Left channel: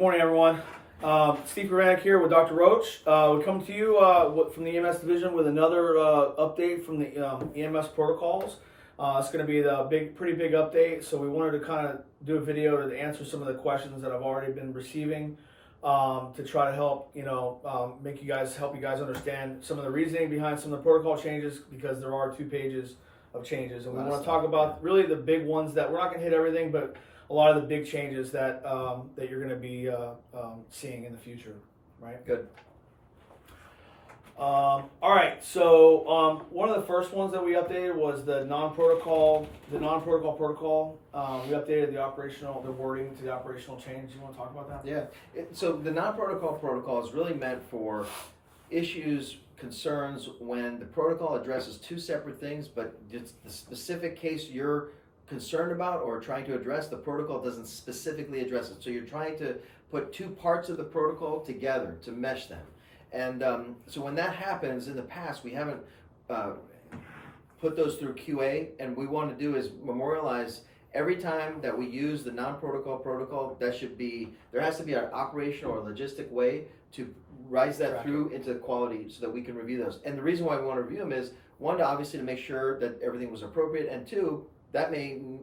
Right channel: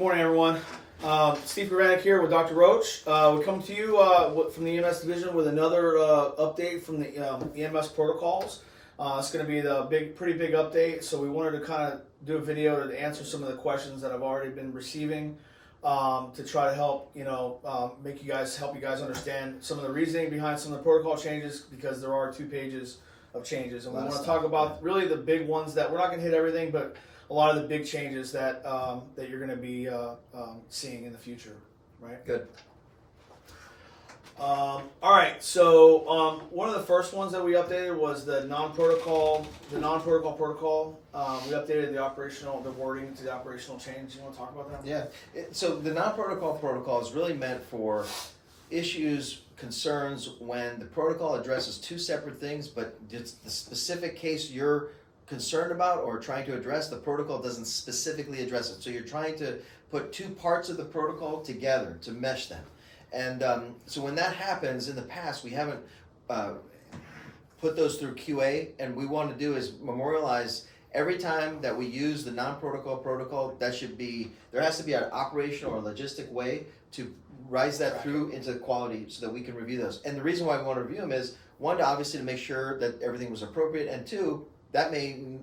Morning, everyone. Steve Pravanik here with Dr. Roach. We come to you from the EMS division with another update from the EMS protocols. It's going to be the pretty big update. So we wanted to kind of do a video to answer some of the questions that I've already been receiving to try to help help you guys understand some of the reasoning behind some of the protocol changes, because there are 2 pages of changes, and we want to talk about really the big ones that we're not going to hit everything, but a lot of the big changes that that you're going to be seeing in the future, right? Good. All right. So one of the first ones that we updated was the non-protocol protocol. We updated the wording to the operational change. You want to talk about that? Yeah. So the non-protocol protocol is really meant for issues, concerns when the protocol addresses 2 separate things, but it's the specific case you're concerned about or trying to address, the protocol doesn't specifically address it. So you're trying to put 2 parts of the protocol together to mesh them. And so when that happens, in the past, we haven't put those through QA, and we want to do is memorialize every time that we use the non-protocol protocol. There has to be an operational or logistic way to rise that through into quality so that we can review those. And the reason why we want to review them is, 1, obviously to make sure that everything was appropriate, and 2,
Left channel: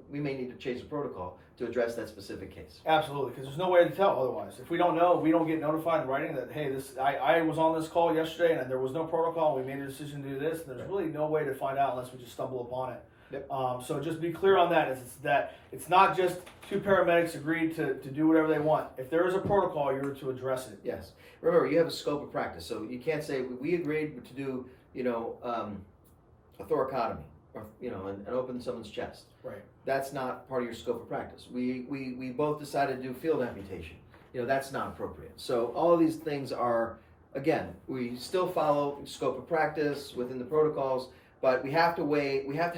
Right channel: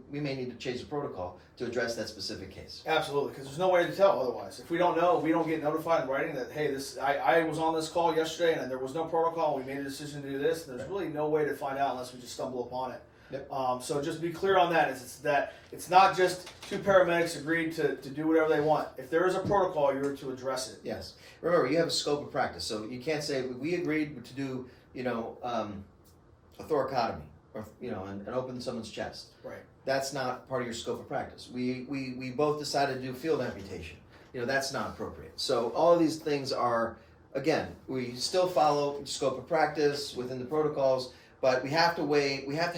we may need to change the protocol to address that specific case. Absolutely, because there's no way to tell otherwise. If we don't know, we don't get notified in writing that, hey, I was on this call yesterday and there was no protocol, we made a decision to do this. There's really no way to find out unless we just stumble upon it. Yep. So just be clear on that. It's not just 2 paramedics agreed to do whatever they want. If there is a protocol, you're to address it. Yes. Remember, you have a scope of practice, so you can't say we agreed to do a thoracotomy or and open someone's chest. Right. That's not part of your scope of practice. We both decided to do field amputation. That's not appropriate. So all of these things are, again, we still follow scope of practice within the protocols, but we have to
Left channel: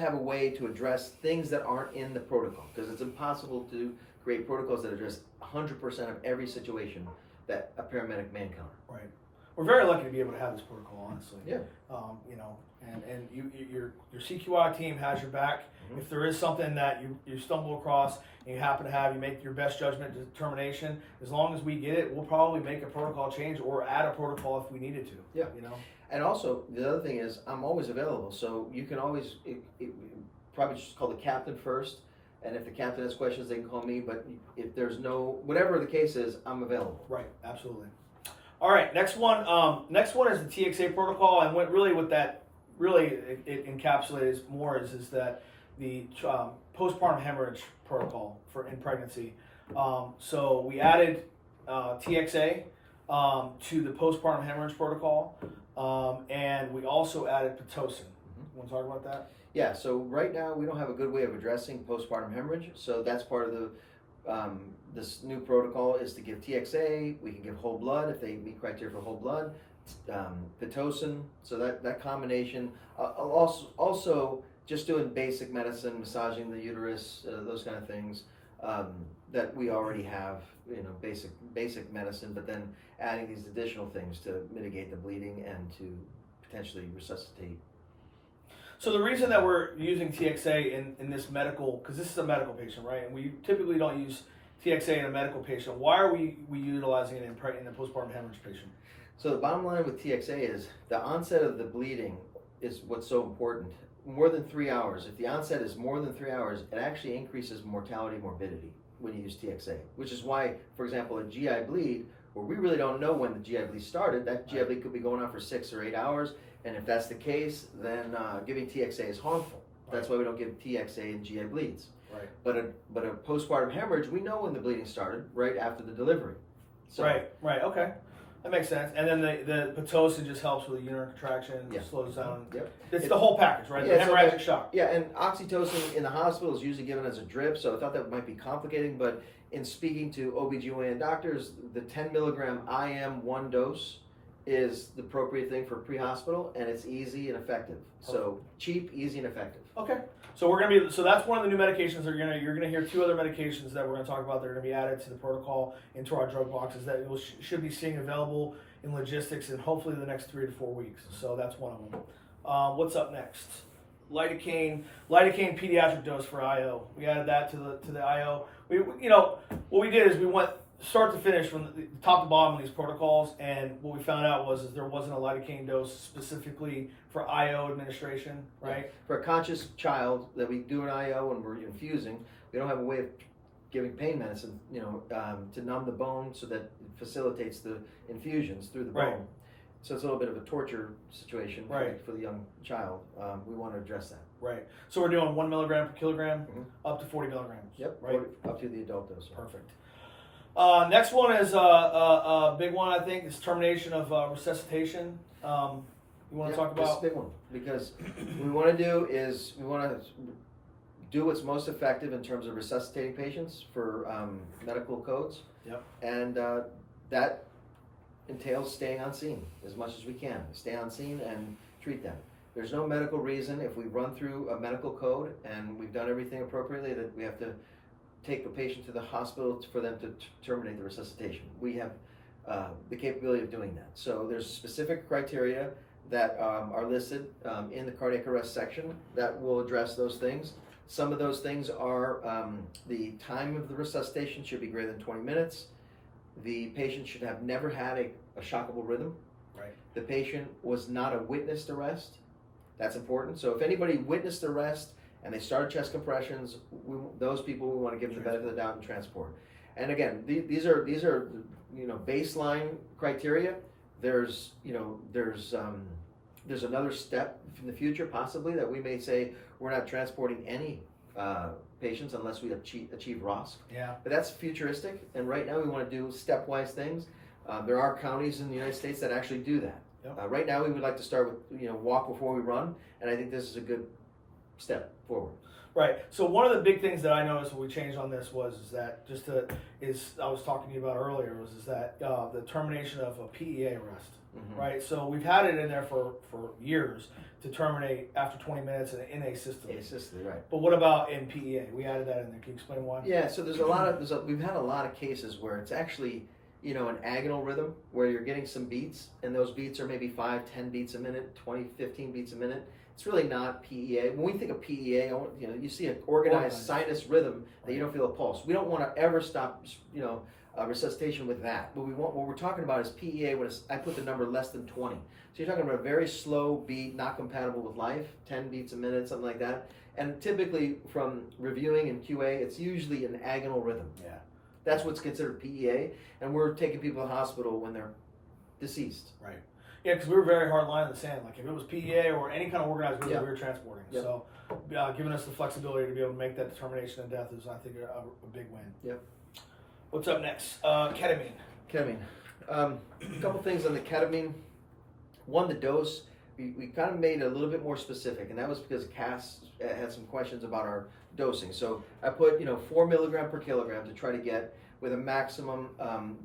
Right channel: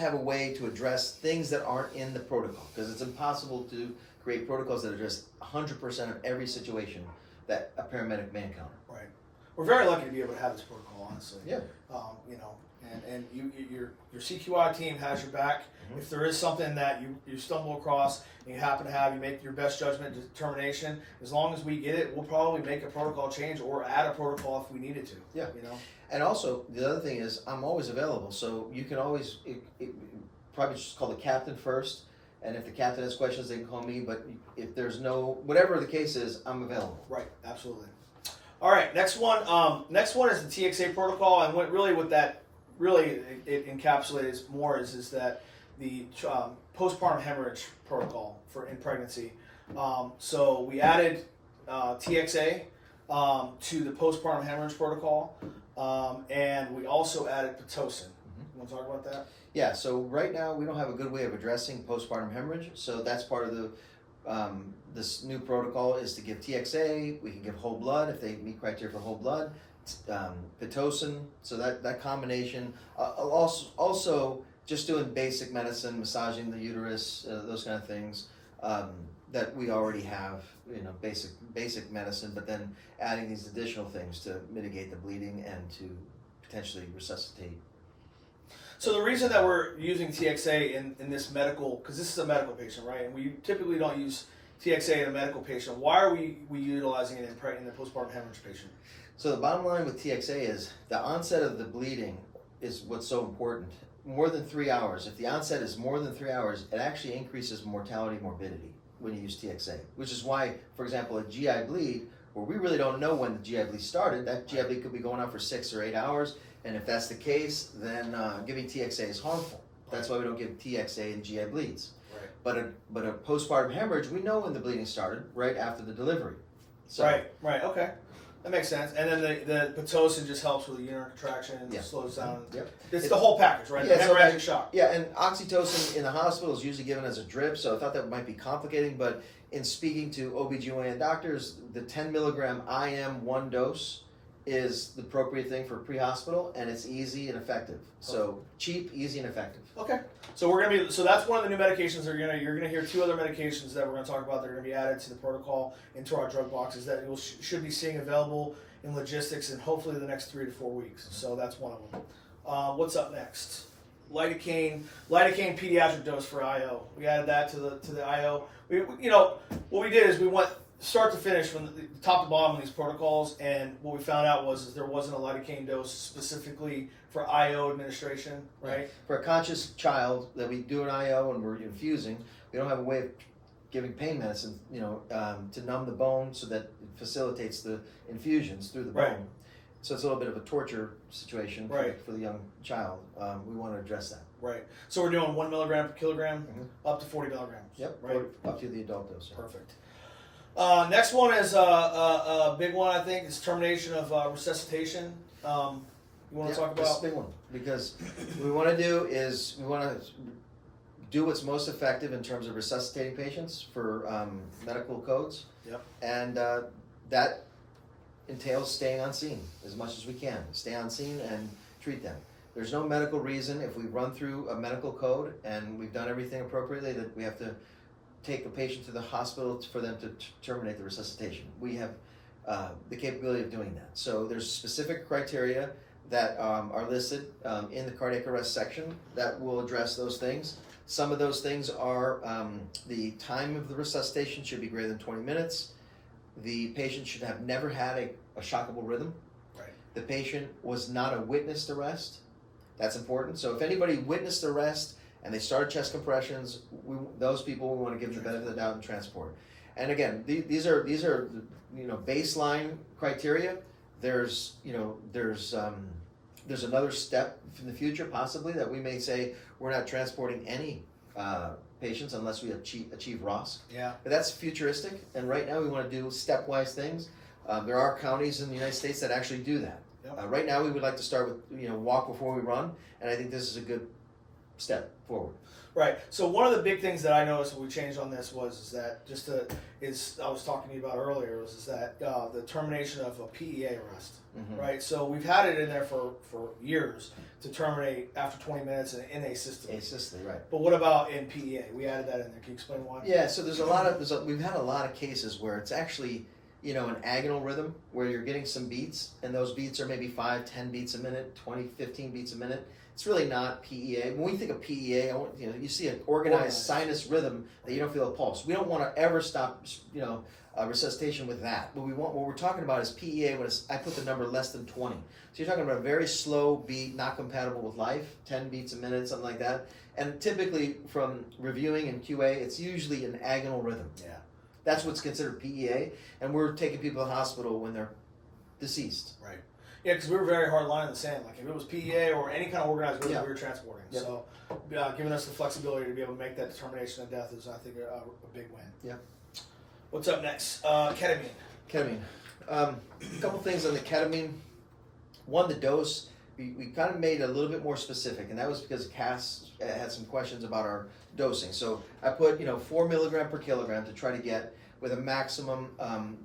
have a way to address things that aren't in the protocol, because it's impossible to create protocols that address 100% of every situation that a paramedic may encounter. Right. We're very lucky to be able to have this protocol, honestly. Yeah. And your CQI team has your back. Mm-hmm. If there is something that you stumble across and you make your best judgment determination, as long as we get it, we'll probably make a protocol change or add a protocol if we needed to. Yeah. And also, the other thing is, I'm always available, so you can always probably just call the captain first, and if the captain has questions, they can call me, but if there's whatever the case is, I'm available. Right, absolutely. All right, next one is the TXA protocol, and what really with that, it encapsulates more is that the postpartum hemorrhage protocol in pregnancy. So we added TXA to the postpartum hemorrhage protocol, and we also added Pitocin. You want to talk about that? Yeah, so right now we don't have a good way of addressing postpartum hemorrhage, so that's part of the this new protocol is to give TXA. We can give whole blood if they meet criteria for whole blood. Pitocin, so that combination. Also just doing basic medicine, massaging the uterus, those kind of things that we already have, basic medicine, but then adding these additional things to mitigate the bleeding and to potentially resuscitate. So the reason that we're using TXA in this medical, because this is a medical patient, right? And we typically don't use TXA in a medical patient. Why are we utilizing it in the postpartum hemorrhage patient? So the bottom line with TXA is the onset of the bleeding is what's so important. More than 3 hours. If the onset is more than 3 hours, it actually increases mortality, morbidity when you use TXA, which is why, for example, a GI bleed, where we really don't know when the GI bleed started, that GI bleed could be going on for 6 or 8 hours. And if that's the case, then giving TXA is harmful. That's why we don't give TXA in GI bleeds. Right. But a postpartum hemorrhage, we know when the bleeding started, right after the delivery. So, Right. Okay, that makes sense. And then the Pitocin just helps with the uterine contraction, slows down. Yep. It's the whole package, right? Yeah, the hemorrhagic shock. Yeah, and oxytocin in the hospital is usually given as a drip, so I thought that might be complicating. But in speaking to OBGYN doctors, the 10 milligram IM 1 dose is the appropriate thing for pre-hospital, and it's easy and effective. So cheap, easy, and effective. Okay. So that's one of the new medications that you're gonna hear 2 other medications that we're gonna talk about that are gonna be added to the protocol into our drug boxes that we should be seeing available in logistics in hopefully the next 3 to 4 weeks. So that's one of them. What's up next? Lidocaine pediatric dose for IO. We added that to the IO. What we did is we went start to finish, from the top to bottom of these protocols, and what we found out was there wasn't a lidocaine dose specifically for IO administration, right? For a conscious child that we do an IO and we're infusing, we don't have a way of giving pain medicine, to numb the bone so that it facilitates the infusions through the bone. Right. So it's a little bit of a torture situation Right. for the young child. We want to address that. Right. So we're doing 1 milligram per kilogram Mhm. up to 40 milligrams. Yep. Right. Up to the adult dose. Perfect. Next one is a big one, I think, is termination of resuscitation. You want to talk This is a about? big one because what we want to do is we want to do what's most effective in terms of resuscitating patients for medical codes. Yep. And that entails staying on scene as much as we can. Stay on scene and treat them. There's no medical reason if we run through a medical code and we've done everything appropriately that we have to take the patient to the hospital for them to terminate the resuscitation. We have the capability of doing that. So there's specific criteria that are listed in the cardiac arrest section that will address those things. Some of those things are the time of the resuscitation should be greater than 20 minutes. The patient should have never had a shockable rhythm. Right. The patient was not a witnessed arrest. That's important. So if anybody witnessed arrest and they started chest compressions, those people we want to give them the benefit of the doubt and transport. And again, these are baseline criteria. There's another step in the future possibly that we may say we're not transporting any patients unless we achieve ROSC. Yeah. But that's futuristic, and right now we want to do stepwise things. There are counties in the United States that actually do that. Yep. Right now we would like to start with walk before we run, and I think this is a good step forward. Right. So one of the big things that I noticed when we changed on this was that I was talking to you about earlier was that the termination of a PEA arrest. Mm-hmm. Right. So we've had it in there for years to terminate after 20 minutes in a system. Assisted, right. But what about in PEA? We added that in there. Can you explain why? Yeah, so we've had a lot of cases where it's actually, an agonal rhythm where you're getting some beats, and those beats are maybe 5, 10 beats a minute, 20, 15 beats a minute. It's really not PEA. When we think of PEA, you see an organized sinus rhythm that you don't feel a pulse. We don't want to ever stop, resuscitation with that. What we're talking about is PEA when I put the number less than 20. So you're talking about a very slow beat, not compatible with life, 10 beats a minute, something like that. And typically from reviewing in QA, it's usually an agonal rhythm. Yeah. That's what's considered PEA, and we're taking people to the hospital when they're deceased. Right. Yeah, because we were very hard line in the sand. Like if it was PEA or any kind of organized rhythm, Yeah. we were transporting. Yeah. So giving us the flexibility to be able to make that determination of death is, I think, a big win. Yep. What's up next? Ketamine. Ketamine. A couple things on the ketamine. One, the dose. We kind of made it a little bit more specific, and that was because Cass had some questions about our dosing. So I put 4 milligram per kilogram to try to get with a maximum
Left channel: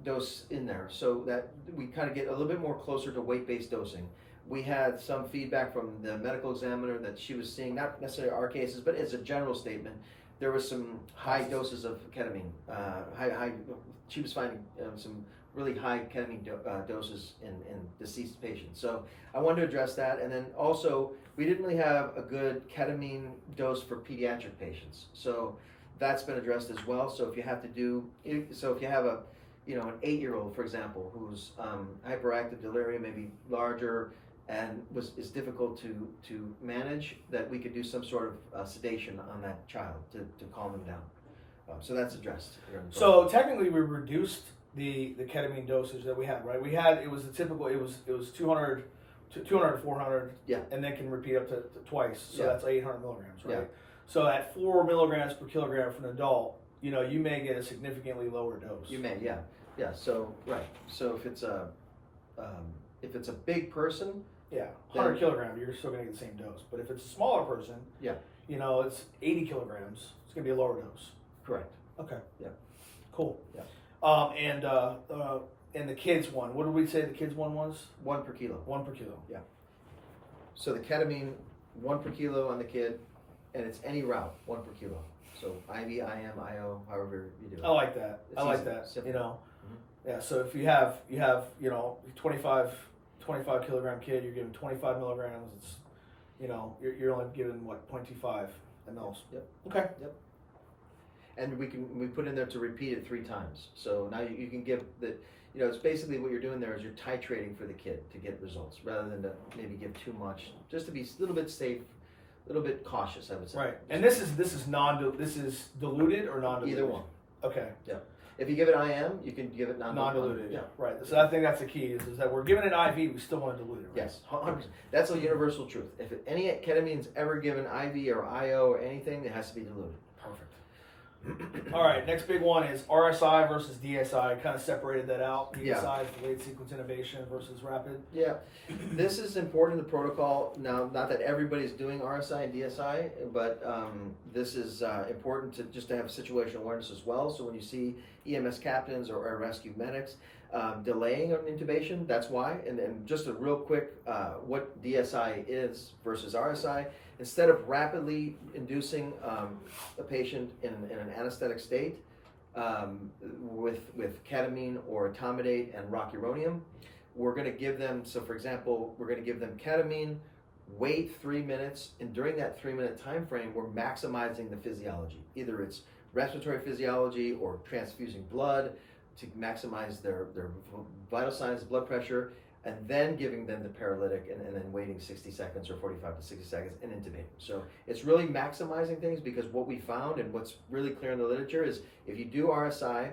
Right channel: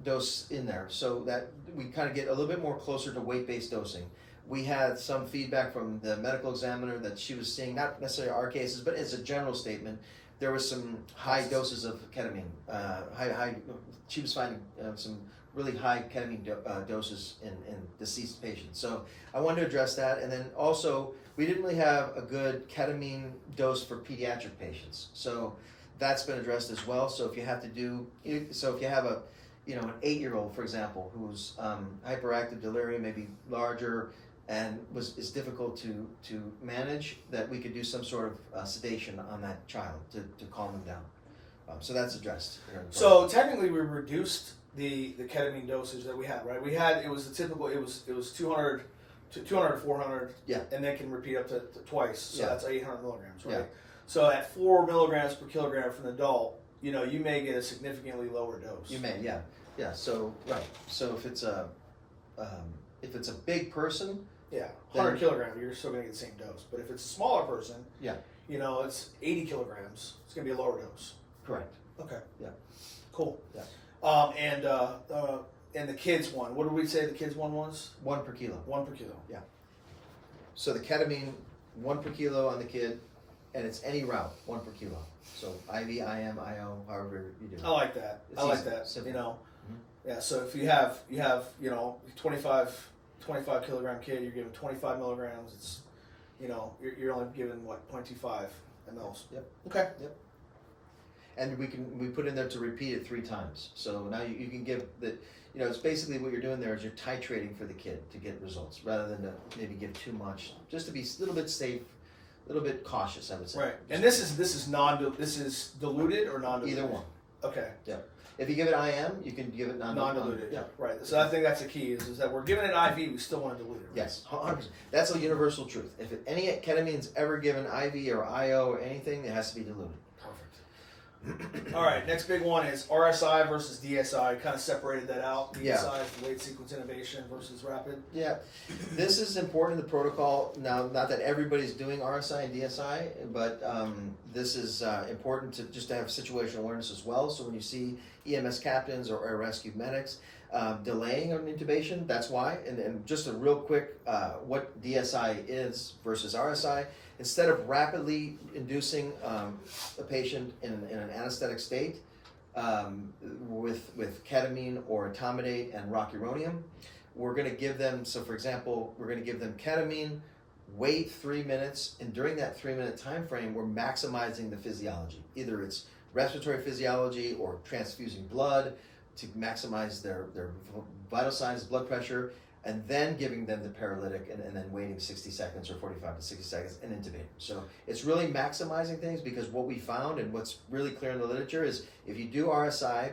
dose in there, so that we kind of get a little bit more closer to weight-based dosing. We had some feedback from the medical examiner that she was seeing, not necessarily our cases, but as a general statement, there was some high doses of ketamine. She was finding some really high ketamine doses in deceased patients. So I wanted to address that, and then also we didn't really have a good ketamine dose for pediatric patients. So that's been addressed as well. So if you have an 8-year-old, for example, who's hyperactive delirium, maybe larger, and is difficult to manage, that we could do some sort of sedation on that child to calm them down. So that's addressed. So technically, we reduced the ketamine dosage that we had. Right? It was the typical. It was 200 to 400. Yeah. And then can repeat up to twice. So Yeah. that's 800 milligrams. Right. Yeah. So at 4 milligrams per kilogram for an adult, you may get a significantly lower dose. You may, yeah. So right. So if it's a big person, Yeah, 100 kilograms, you're still going to get the same dose. But if it's a smaller person, Yeah. It's 80 kilograms, it's going to be a lower dose. correct. Okay. Yeah. Cool. Yeah. And the kids one, what did we say the kids one was? 1 per kilo. 1 per kilo. So the ketamine, 1 per kilo on the kid, and it's any route, 1 per kilo. So IV, IM, IO, however you do it. I like that. It's I like easy, that. simple. Yeah. So if you have 25 kilogram kid, you're giving 25 milligrams. It's you're only giving 0.25 mLs. Yep. Okay. and we put in there to repeat it 3 times. So now you can give the, it's basically what you're doing there is you're titrating for the kid to get results rather than to maybe give too much, just to be a little bit safe, a little bit cautious, I would say. Right. And this is diluted or non-diluted? Either one. Okay. Yeah. If you give it IM, you can give it Non-diluted. Yeah. Right. So I think that's the key is that we're giving it IV, we still want to dilute it. Right? Yes, 100%. That's a universal truth. If any ketamine's ever given IV or IO or anything, it has to be diluted. Perfect. All right, next big one is RSI versus DSI. Kind of separated that out. DSI is delayed sequence innovation versus rapid. Yeah, this is important in the protocol. Now, not that everybody's doing RSI and DSI, but this is important to just to have situational awareness as well. So when you see EMS captains or air rescue medics delaying an intubation, that's why. And just a real quick, what DSI is versus RSI. Instead of rapidly inducing a patient in an anesthetic state with ketamine or etomidate and rocuronium, we're going to give them, so for example, we're going to give them ketamine, wait 3 minutes, and during that 3-minute time frame, we're maximizing the physiology. Either it's respiratory physiology or transfusing blood to maximize their vital signs, blood pressure, and then giving them the paralytic and then waiting 60 seconds or 45 to 60 seconds and intubating. So it's really maximizing things because what we found and what's really clear in the literature is if you do RSI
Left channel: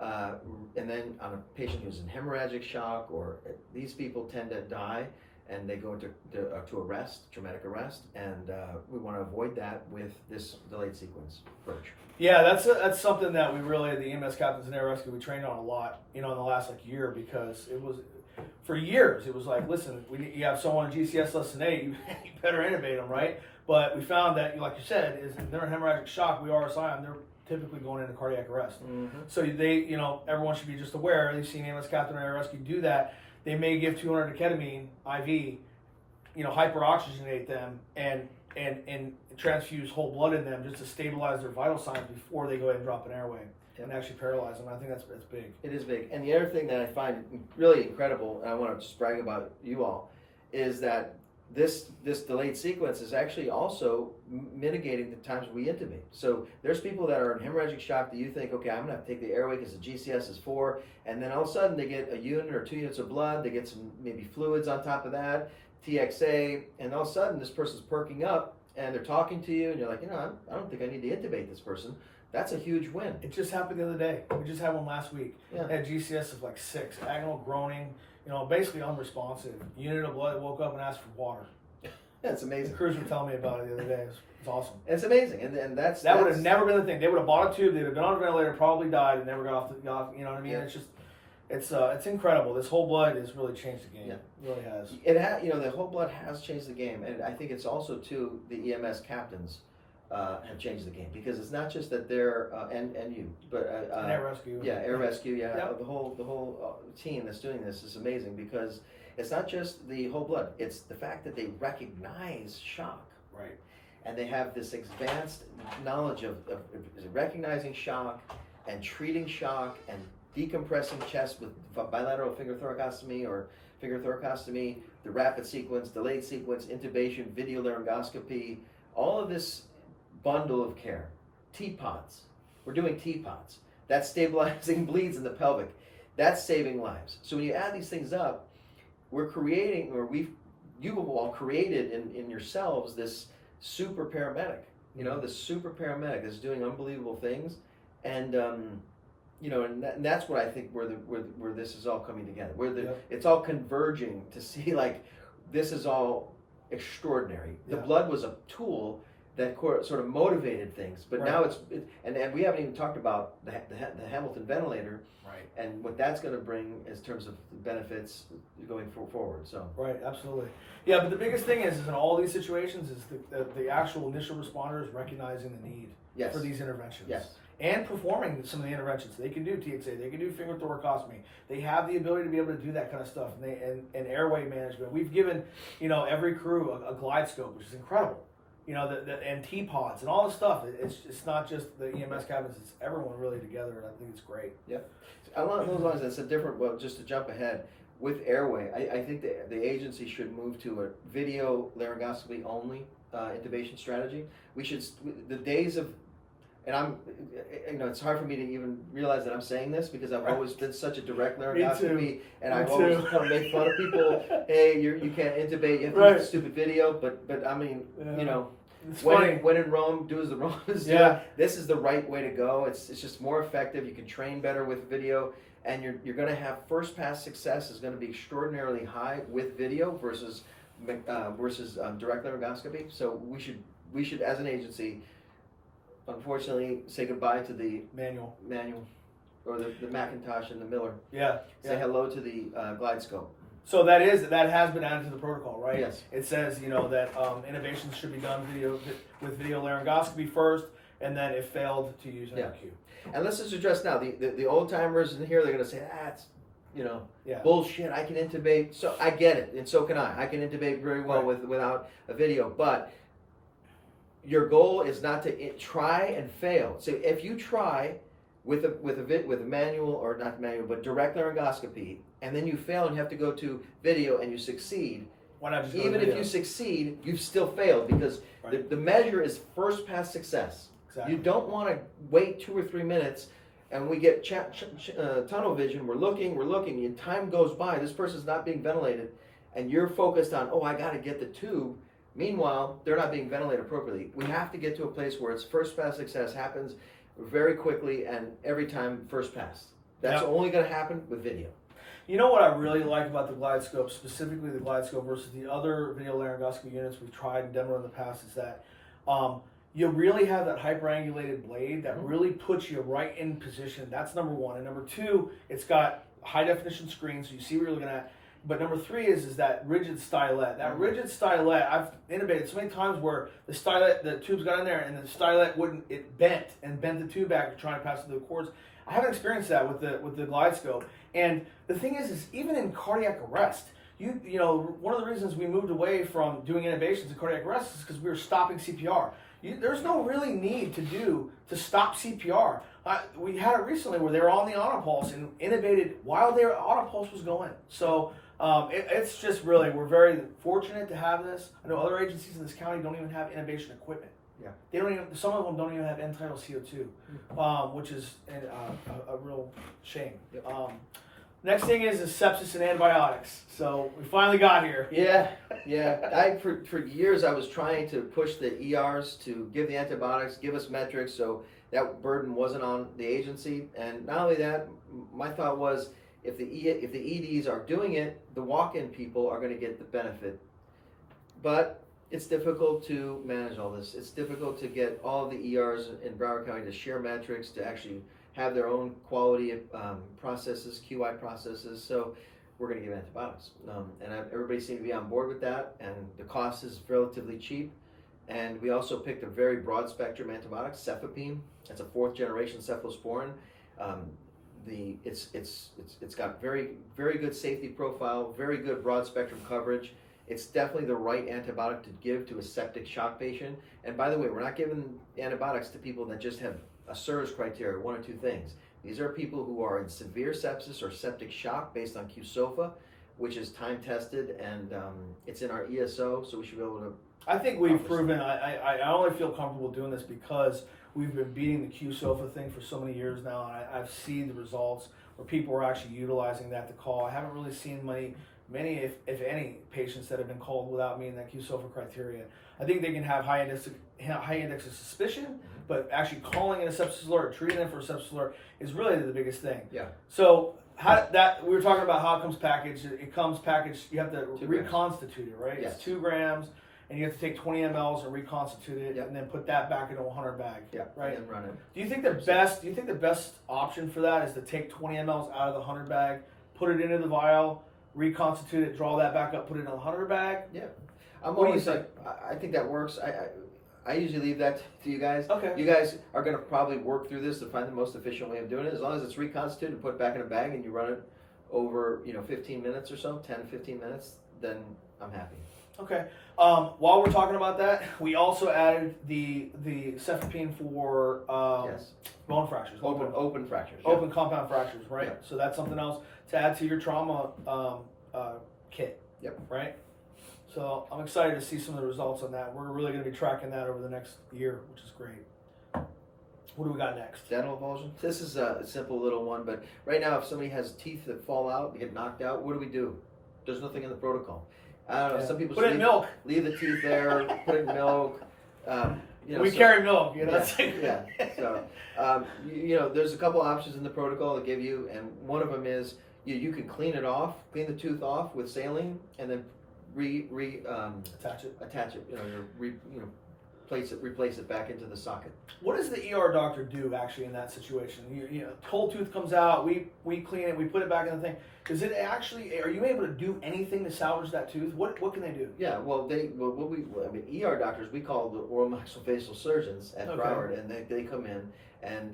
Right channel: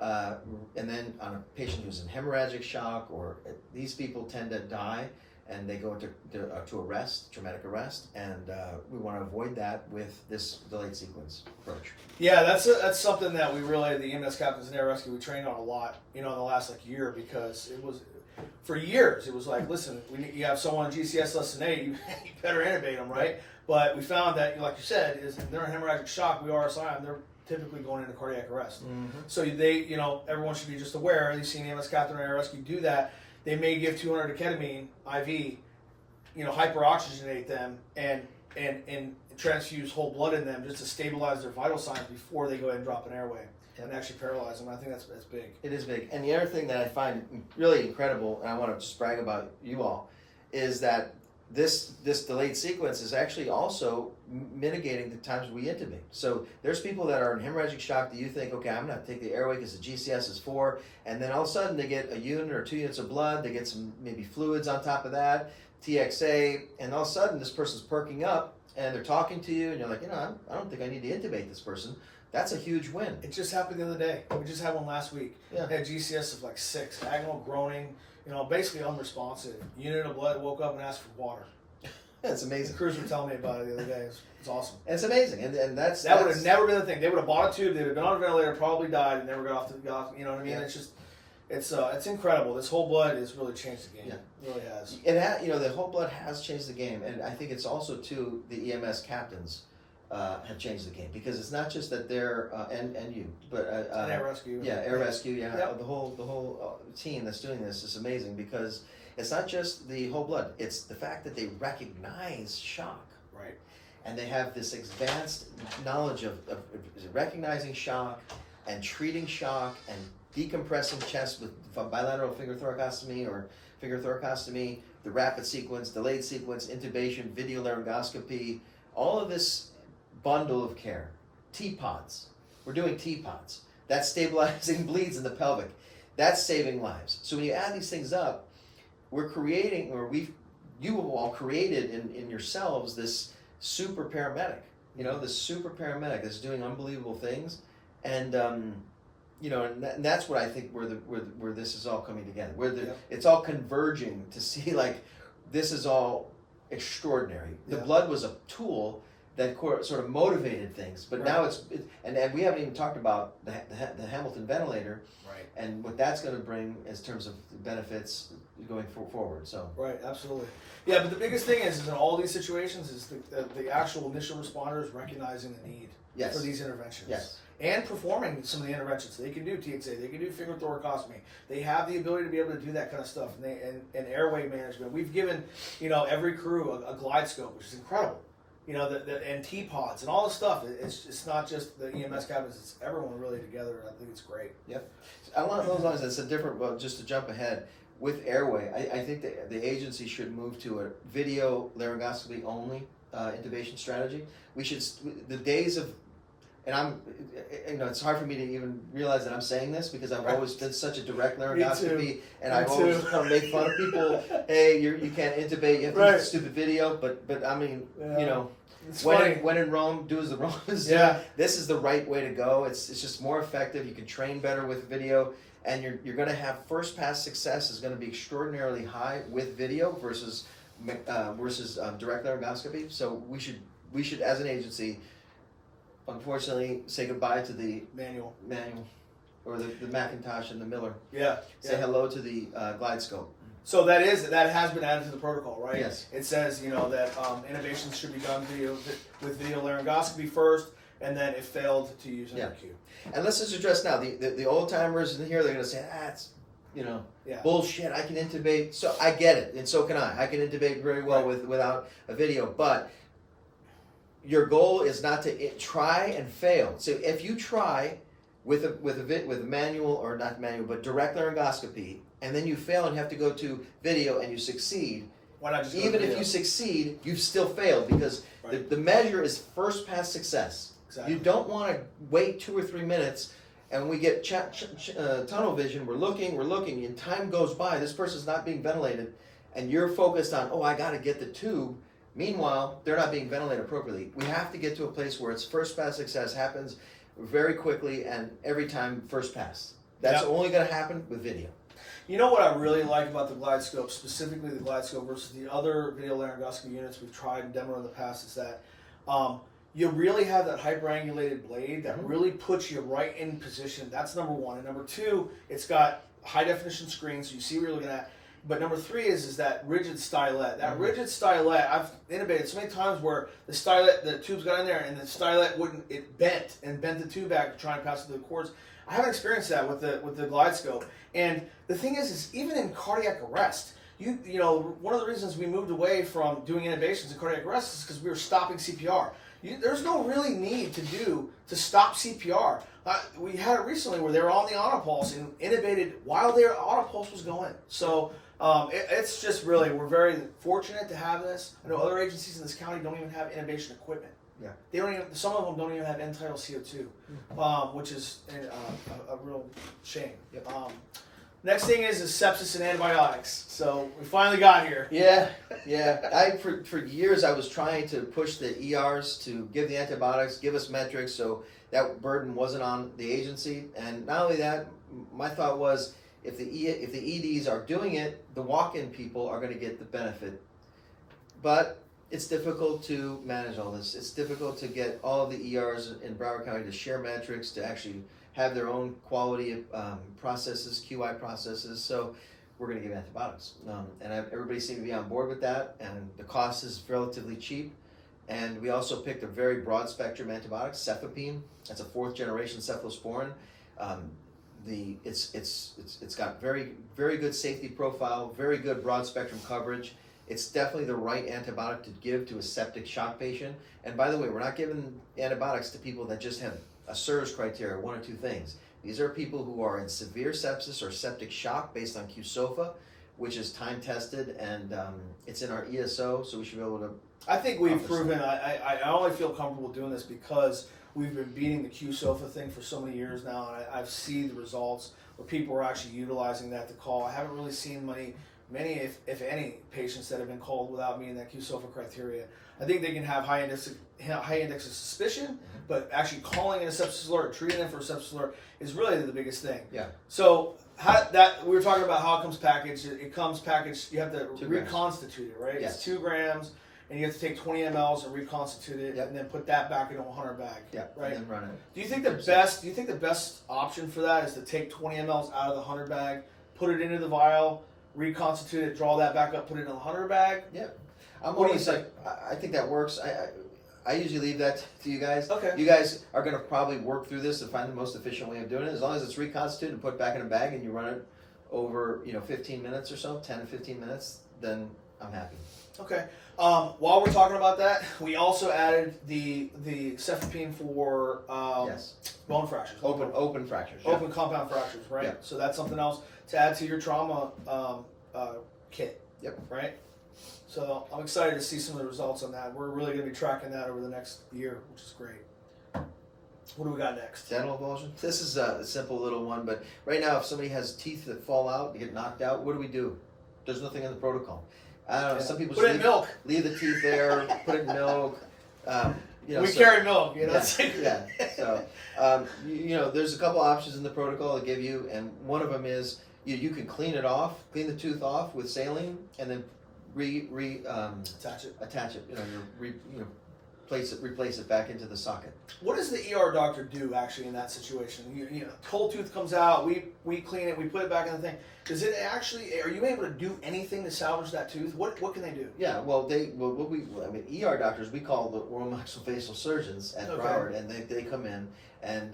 and then on a patient who's in hemorrhagic shock, or these people tend to die and they go into arrest, traumatic arrest, and we want to avoid that with this delayed sequence approach. Yeah, that's something that we really, the EMS captains and air rescue, we trained on a lot, in the last year, because it was, for years, it was like, listen, you have someone on GCS less than 8, you better intubate them, right? But we found that, like you said, is if they're in hemorrhagic shock, we RSI them, they're typically going into cardiac arrest. Mm-hmm. So they, everyone should be just aware. You've seen EMS captain and air rescue do that. They may give 200 ketamine IV, hyperoxygenate them and transfuse whole blood in them just to stabilize their vital signs before they go ahead and drop an airway and actually paralyze them. I think that's big. It is big. And the other thing that I find really incredible, and I want to just brag about you all, is that this delayed sequence is actually also mitigating the times we intubate. So there's people that are in hemorrhagic shock that you think, okay, I'm going to take the airway because the GCS is 4, and then all of a sudden they get a unit or 2 units of blood, they get some maybe fluids on top of that, TXA, and all of a sudden this person's perking up and they're talking to you and you're like, I don't think I need to intubate this person. That's a huge win. It just happened the other day. We just had one last week. Yeah. Had GCS of 6, agonal groaning, basically unresponsive. Unit of blood woke up and asked for water. That's amazing. The crews were telling me about it the other day. It's awesome. It's amazing, and that would have never been the thing. They would have bought a tube. They'd have been on a ventilator, probably died, and never got off. You know what I mean? Yeah. It's incredible. This whole blood has really changed the game. Yeah. It really has. It the whole blood has changed the game, and I think it's also too the EMS captains have changed the game, because it's not just that they're and you, but and air rescue. Yeah, air rescue. Yeah, yep. The whole team that's doing this is amazing, because it's not just the whole blood. It's the fact that they recognize shock. Right. And they have this advanced knowledge of recognizing shock and treating shock and decompressing chest with bilateral finger thoracostomy or finger thoracostomy, the rapid sequence, delayed sequence, intubation, video laryngoscopy, all of this bundle of care. T-pods. We're doing T-pods. That's stabilizing bleeds in the pelvic. That's saving lives. So when you add these things up, we're creating, or you have all created in yourselves this super paramedic. This super paramedic is doing unbelievable things, and and that's what I think where this is all coming together. It's all converging to see this is all extraordinary. The blood was a tool that sort of motivated things, but now and we haven't even talked about the Hamilton ventilator. And what that's going to bring in terms of benefits going forward. So right, absolutely, yeah. But the biggest thing is in all these situations is the actual initial responders recognizing the need for these interventions, and performing some of the interventions. They can do TXA, they can do finger thoracostomy. They have the ability to be able to do that kind of stuff, and airway management. We've given every crew a glide scope, which is incredible. And T-pods and all the stuff. It's not just the EMS cabinets. It's everyone really together, and I think it's great. Yep. Along those lines, it's a different. Well, just to jump ahead with airway, I think the agency should move to a video laryngoscopy only intubation strategy. We should the days of and I'm, it's hard for me to even realize that I'm saying this because I've always been such a direct Me laryngoscopy, too. and Me I've always too. kind of made fun of people. Hey, you can't intubate. You have to Right. use a stupid video, but I mean, Yeah. It's when funny. when in Rome, do as the Romans do. Yeah. This is the right way to go. It's just more effective. You can train better with video, and you're going to have first pass success is going to be extraordinarily high with video versus direct laryngoscopy. So we should as an agency, unfortunately, say goodbye to the Manual. or the Macintosh and the Miller. Yeah. Say Yeah. hello to the GlideScope. So that has been added to the protocol, right? Yes. It says that innovations should be done with video laryngoscopy first, and then if failed to use NRQ. And let's just address now the old timers in here. They're going to say, it's Yeah. bullshit. I can intubate. So I get it, and so can I. I can intubate very well Right. without a video. But your goal is not to try and fail. So if you try with a manual or not manual, but direct laryngoscopy, and then you fail and have to go to video and you succeed. Why not just go Even to if video? you succeed, you've still failed because Right. the measure is first pass success. Exactly. You don't want to wait 2 or 3 minutes, and we get tunnel vision. We're looking, and time goes by. This person's not being ventilated, and you're focused on, I got to get the tube. Meanwhile, they're not being ventilated appropriately. We have to get to a place where it's first pass success happens very quickly and every time first pass. That's Yep. only going to happen with video. You know what I really like about the GlideScope, specifically the GlideScope versus the other video laryngoscopy units we've tried and demoed in the past, is that you really have that hyperangulated blade that really puts you right in position. That's number one. And number two, it's got high definition screens, so you see what you're looking at. But number three is that rigid stylet. That rigid stylet, I've innovated so many times where the tubes got in there and the stylet it bent the tube back to try and pass through the cords. I haven't experienced that with the GlideScope. And the thing is even in cardiac arrest, one of the reasons we moved away from doing intubations in cardiac arrest is because we were stopping CPR. There's no really need to stop CPR. We had it recently where they were on the Autopulse and intubated while their Autopulse was going. So it's just really, we're very fortunate to have this. I know other agencies in this county don't even have intubation equipment. Yeah. They don't even. Some of them don't even have end-tidal CO2, which is a real shame. Yep. Next thing is sepsis and antibiotics. So we finally got here. Yeah. For years I was trying to push the ERs to give the antibiotics, give us metrics, so that burden wasn't on the agency. And not only that, my thought was if the EDs are doing it, the walk-in people are going to get the benefit. But it's difficult to manage all this. It's difficult to get all of the ERs in Broward County to share metrics, to actually have their own quality processes, QI processes. So we're going to give antibiotics. And everybody seemed to be on board with that, and the cost is relatively cheap. And we also picked a very broad spectrum antibiotic, cefepime. That's a 4th generation cephalosporin. It's got very, very good safety profile, very good broad spectrum coverage. It's definitely the right antibiotic to give to a septic shock patient. And by the way, we're not giving antibiotics to people that just have a SIRS criteria, 1 or 2 things. These are people who are in severe sepsis or septic shock based on QSOFA, which is time tested, and it's in our ESO, so we should be able to. I think we've proven. I only feel comfortable doing this because we've been beating the QSOFA thing for so many years now, and I've seen the results where people are actually utilizing that to call. I haven't really seen many, if any, patients that have been called without meeting that QSOFA criteria. I think they can have high index of suspicion, but actually calling in a sepsis alert, treating them for a sepsis alert is really the biggest thing. Yeah. So we were talking about how it comes packaged. It comes packaged. You have to 2 grams. reconstitute it, right? Yes. It's 2 grams, and you have to take 20 mLs and reconstitute it, Yep. and then put that back into a 100 bag. Yeah, Right. and then run it. Do you think the best option for that is to take 20 mLs out of the 100 bag, put it into the vial, reconstitute it, draw that back up, put it in a 100 bag? Yeah. What do you think? I think that works. I usually leave that to you guys. Okay. You guys are going to probably work through this to find the most efficient way of doing it. As long as it's reconstituted and put back in a bag and you run it over 15 minutes or so, 10 to 15 minutes, then I'm happy. Okay. While we're talking about that, we also added the cefepime for Yes. bone fractures. Open fractures. yeah. Open compound fractures, right? Yeah. So that's something else to add to your trauma kit. Yep. Right? So I'm excited to see some of the results on that. We're really going to be tracking that over the next year, which is great. What do we got next? Dental avulsion. This is a simple little one, but right now, if somebody has teeth that fall out, they get knocked out, what do? There's nothing in the protocol. I don't know. Some people put it in milk. Leave the teeth there. Put it in milk. We carry milk. Yeah. So there's a couple options in the protocol to give you, and one of them is you can clean the tooth off with saline, and then attach it. Replace it back into the socket. What does the ER doctor do actually in that situation? Whole tooth comes out, we clean it, we put it back in the thing. Does it actually? Are you able to do anything to salvage that tooth? What can they do? Yeah, ER doctors, we call the oral maxillofacial surgeons at Broward, and they come in and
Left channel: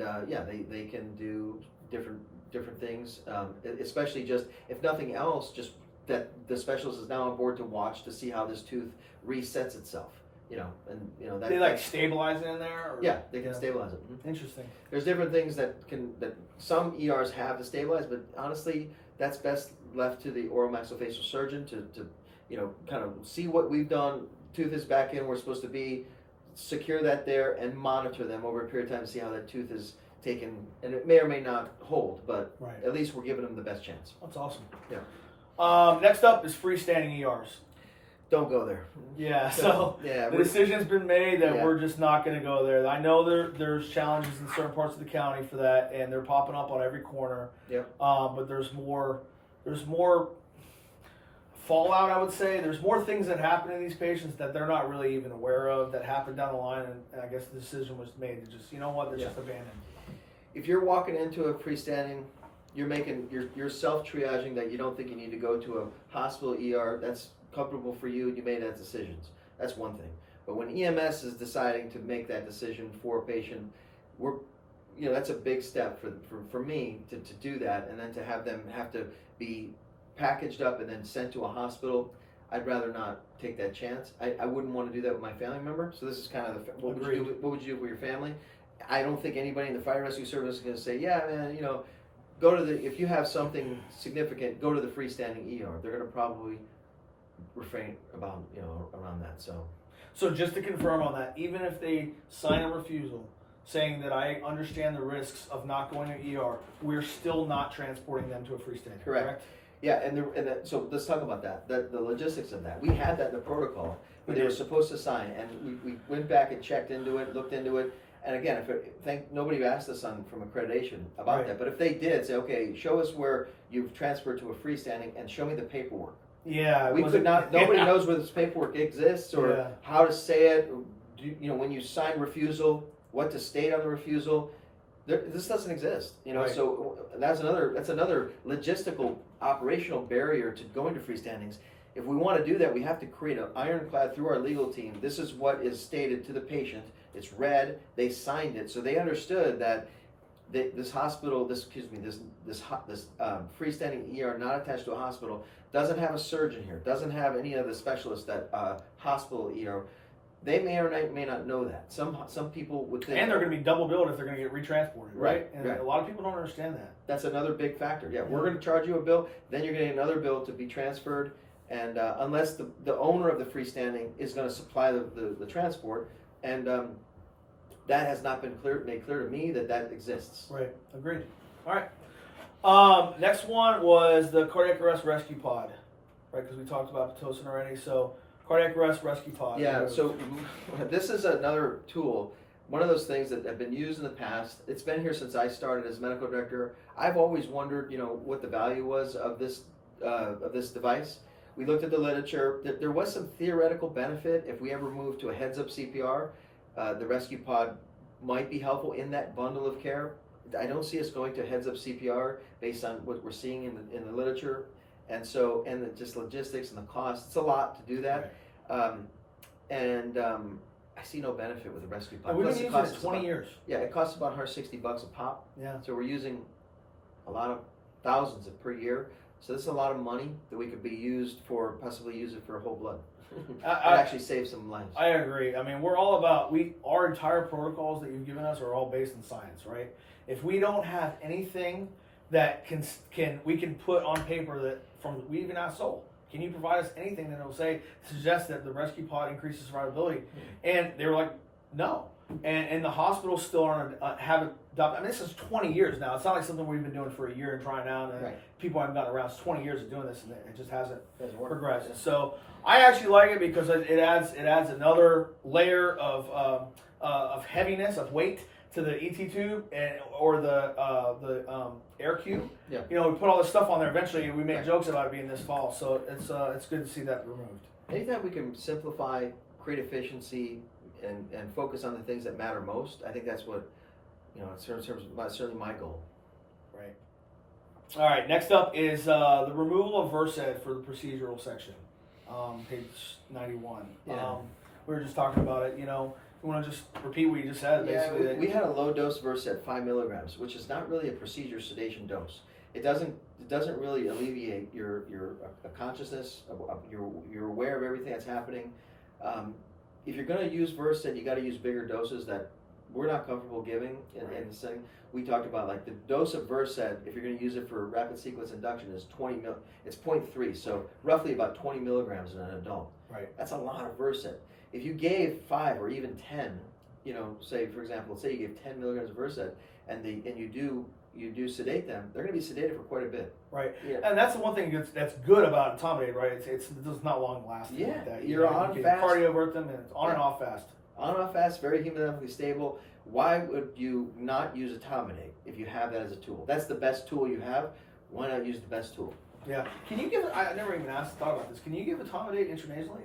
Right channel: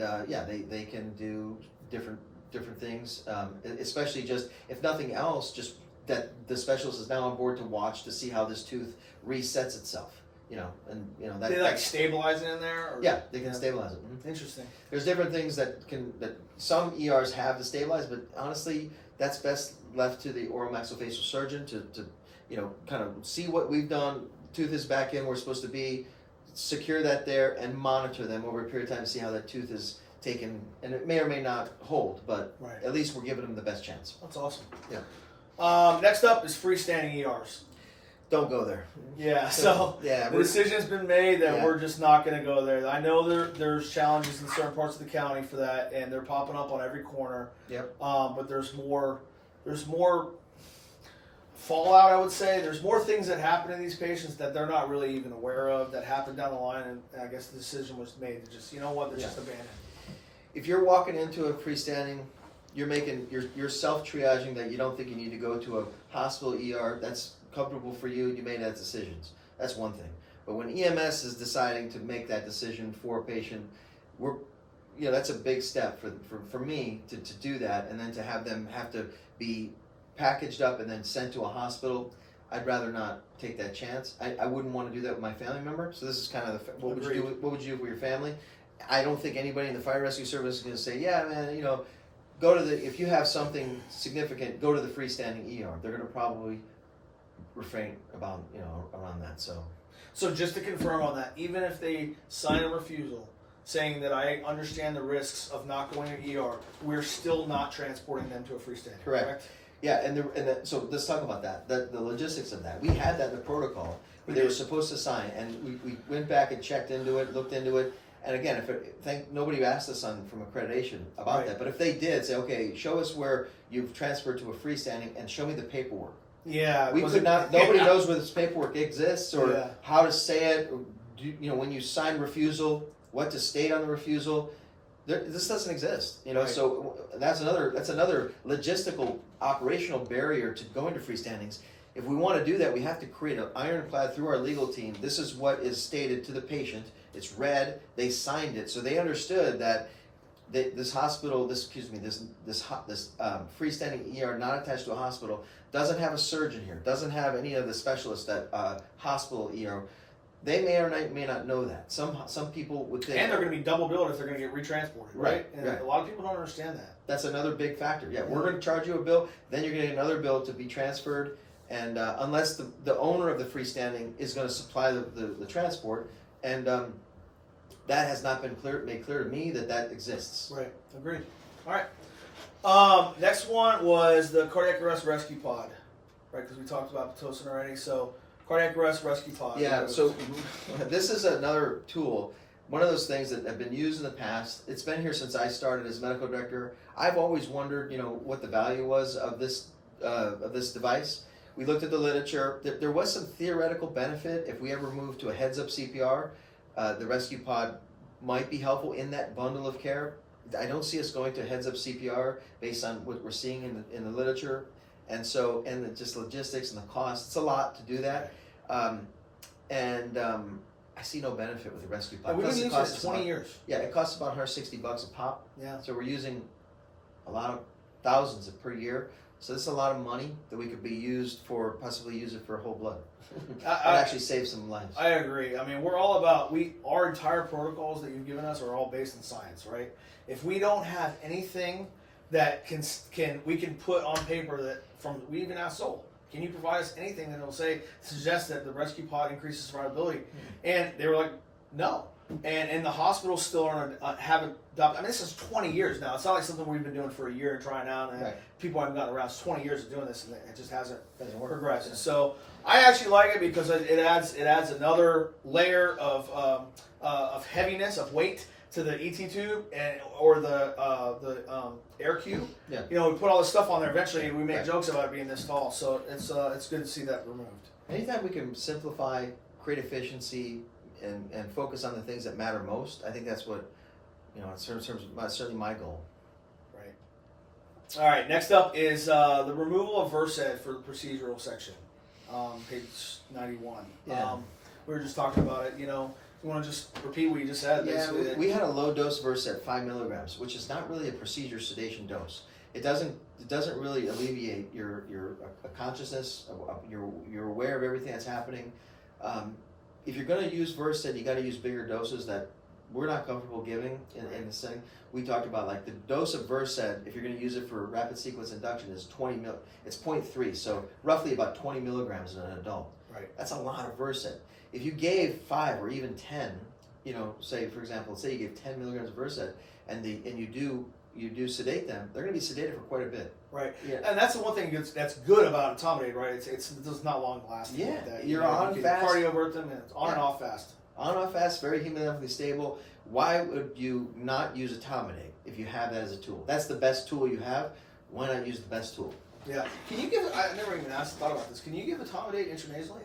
they can do different things, especially just if nothing else, just that the specialist is now on board to watch to see how this tooth resets itself. That they stabilize it in there. Yeah, they can stabilize it. Interesting. There's different things that some ERs have to stabilize, but honestly, that's best left to the oral maxillofacial surgeon to kind of see what we've done. Tooth is back in where it's supposed to be, secure that there, and monitor them over a period of time to see how that tooth is taken, and it may or may not hold, but at least we're giving them the best chance. That's awesome. Yeah. Next up is freestanding ERs. Don't go there. Yeah, so the decision's been made that we're just not going to go there. I know there's challenges in certain parts of the county for that, and they're popping up on every corner. Yep. But there's more fallout, I would say. There's more things that happen to these patients that they're not really even aware of that happen down the line, and I guess the decision was made to just, just abandon. If you're walking into a freestanding, you're self-triaging that you don't think you need to go to a hospital ER. That's comfortable for you. You made that decisions. That's one thing. But when EMS is deciding to make that decision for a patient, that's a big step for me to do that, and then to have them have to be packaged up and then sent to a hospital. I'd rather not take that chance. I wouldn't want to do that with my family member. So this is kind of what would you do with your family? I don't think anybody in the fire rescue service is going to say, yeah, man, go to if you have something significant, go to the freestanding ER. They're going to probably refrain about around that. So just to confirm on that, even if they sign a refusal saying that I understand the risks of not going to ER, we're still not transporting them to a freestanding. Correct? Yeah, so let's talk about that. The logistics of that. We had that in the protocol where they were supposed to sign, and we went back and checked into it, looked into it. And again, nobody asked us from accreditation about that, but if they did say, okay, show us where you've transferred to a freestanding and show me the paperwork. Yeah, we could not. Nobody knows where this paperwork exists or how to say it. When you sign refusal, what to state on the refusal. This doesn't exist. So that's another logistical operational barrier to going to freestandings. If we want to do that, we have to create an ironclad through our legal team. This is what is stated to the patient. It's read. They signed it, so they understood that this hospital, this freestanding ER not attached to a hospital, doesn't have a surgeon here, doesn't have any of the specialists that hospital ER. They may or may not know that. Some people would think, and they're going to be double billed if they're going to get retransported, right? And right. A lot of people don't understand that. That's another big factor. Yeah, we're going to charge you a bill, then you're getting another bill to be transferred, and unless the owner of the freestanding is going to supply the transport, and that has not been made clear to me that exists. Right. Agreed. All right. Next one was the cardiac arrest rescue pod, right? Because we talked about Pitocin already. So cardiac arrest rescue pod. Yeah. So this is another tool. One of those things that have been used in the past. It's been here since I started as medical director. I've always wondered, what the value was of this device. We looked at the literature. There was some theoretical benefit if we ever moved to a heads-up CPR. The rescue pod might be helpful in that bundle of care. I don't see us going to heads-up CPR based on what we're seeing in the literature, and just logistics and the cost. It's a lot to do that, I see no benefit with the rescue pod. We've been using it 20 years. Yeah, it costs about $160 a pop. Yeah. So we're using a lot of thousands per year. So this is a lot of money that we could possibly use it for whole blood. And actually save some lives. I agree. I mean, we're all about our entire protocols that you've given us are all based in science, right? If we don't have anything that we can put on paper we even asked Sol, can you provide us anything that will suggest that the rescue pod increases survivability? And they were like, no. and the hospitals still haven't adopted. I mean, this is 20 years now. It's not like something we've been doing for a year and trying out, and Right. people haven't gotten around. It's 20 years of doing this, and it just hasn't Doesn't work. progressed. Yeah. So I actually like it because it adds another layer of heaviness, of weight to the ET tube or the air cube. Yeah. You know, we put all this stuff on there. Eventually, we make Right. jokes about it being this fall. So it's good to see that removed. Anytime we can simplify, create efficiency, and focus on the things that matter most, I think that's what, it's certainly my goal. Right. All right. Next up is the removal of Versed for the procedural section, page 91. Yeah. We were just talking about it. You want to just repeat what you just said? Basically, Yeah, we had a low dose Versed 5 milligrams, which is not really a procedure sedation dose. It doesn't really alleviate your consciousness. You're aware of everything that's happening. If you're going to use Versed, you got to use bigger doses that we're not comfortable giving in the setting. We talked about like the dose of Versed, if you're going to use it for rapid sequence induction, is 20 mil. It's 0.3, so roughly about 20 milligrams in an adult. Right. That's a lot of Versed. If you gave 5 or even 10, say for example, say you gave 10 milligrams of Versed, and you do sedate them, they're going to be sedated for quite a bit. Right. Yeah. And that's the one thing that's good about etomidate, right? It's not long lasting. Yeah. Like that. You're on you can fast. cardiovert them, and it's on and Yeah. off fast. On and off fast, very hemodynamically stable. Why would you not use etomidate if you have that as a tool? That's the best tool you have. Why not use the best tool? Yeah. Can you give? I never even thought about this. Can you give etomidate intranasally?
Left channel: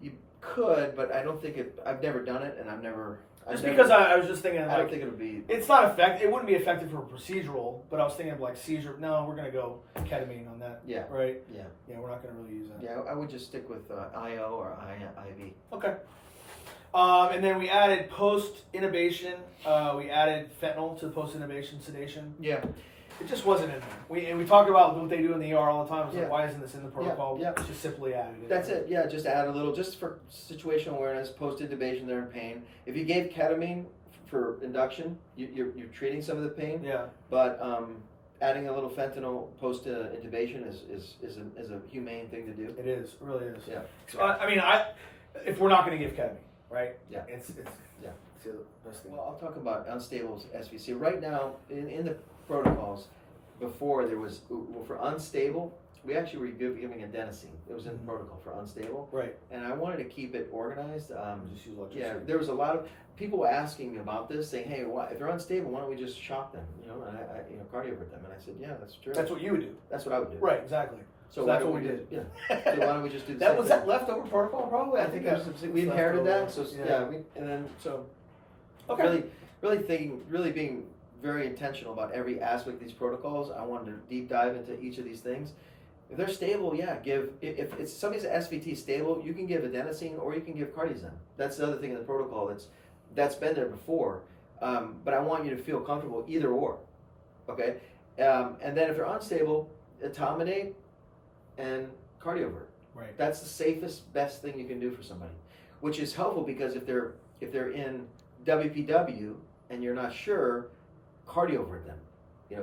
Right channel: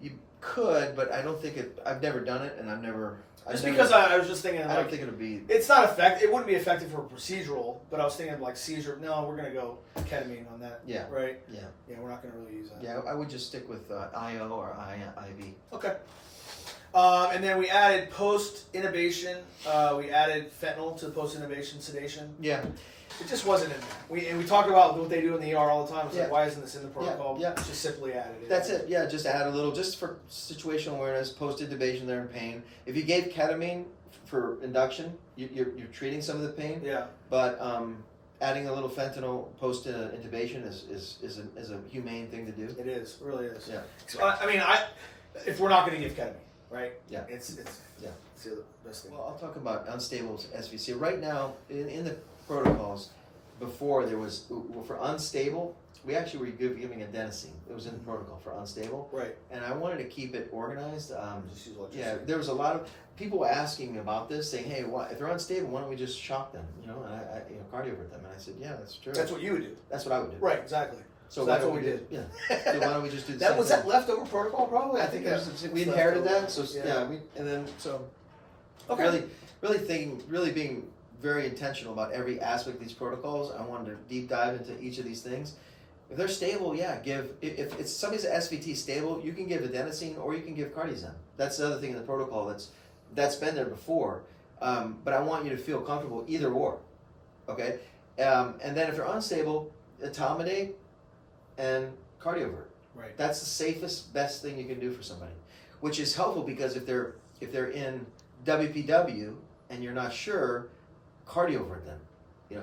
You could, but I don't think it. I've never done it, and Just because I was just thinking, I don't like, think it'll be. it's not effective. It wouldn't be effective for procedural, but I was thinking of like seizure. No, we're gonna go ketamine on that. Yeah. Right. Yeah. Yeah, we're not gonna really use that. Yeah, I would just stick with IO or IV. Okay. And then we added post-intubation. We added fentanyl to post-intubation sedation. Yeah. It just wasn't in there. We talked about what they do in the ER all the time. It's like, Yeah. why isn't this in the protocol? Yeah. It's just simply added it. That's it. Yeah, just add a little, just for situational awareness, post-intubation, they're in pain. If you gave ketamine for induction, you're treating some of the pain. Yeah. But adding a little fentanyl post-intubation is a humane thing to do. It is. It really is. Yeah. So, I mean, if we're not going to give ketamine, right? Yeah. It's the best thing. Well, I'll talk about unstable SVC. Right now, in the protocols, before there was, for unstable, we actually were giving adenosine. It was in the protocol for unstable. Right. And I wanted to keep it organized. Just use electricity. Yeah, there was a lot of people were asking me about this, saying, "Hey, if they're unstable, why don't we just shock them? And I cardiovert them." And I said, "Yeah, that's true. That's what you would do. That's what I would do." Right. Exactly. So why that's don't what we did. Yeah. So why don't we just do the That same was thing? that leftover protocol, probably. I think we inherited that. So Okay. really being very intentional about every aspect of these protocols. I wanted to deep dive into each of these things. If they're stable, yeah, if it's somebody's SVT stable, you can give adenosine or you can give Cardizem. That's the other thing in the protocol that's been there before. But I want you to feel comfortable either or. Okay? And then if they're unstable, etomidate and cardiovert. Right. That's the safest, best thing you can do for somebody. Which is helpful because if they're in WPW and you're not sure, cardiovert them.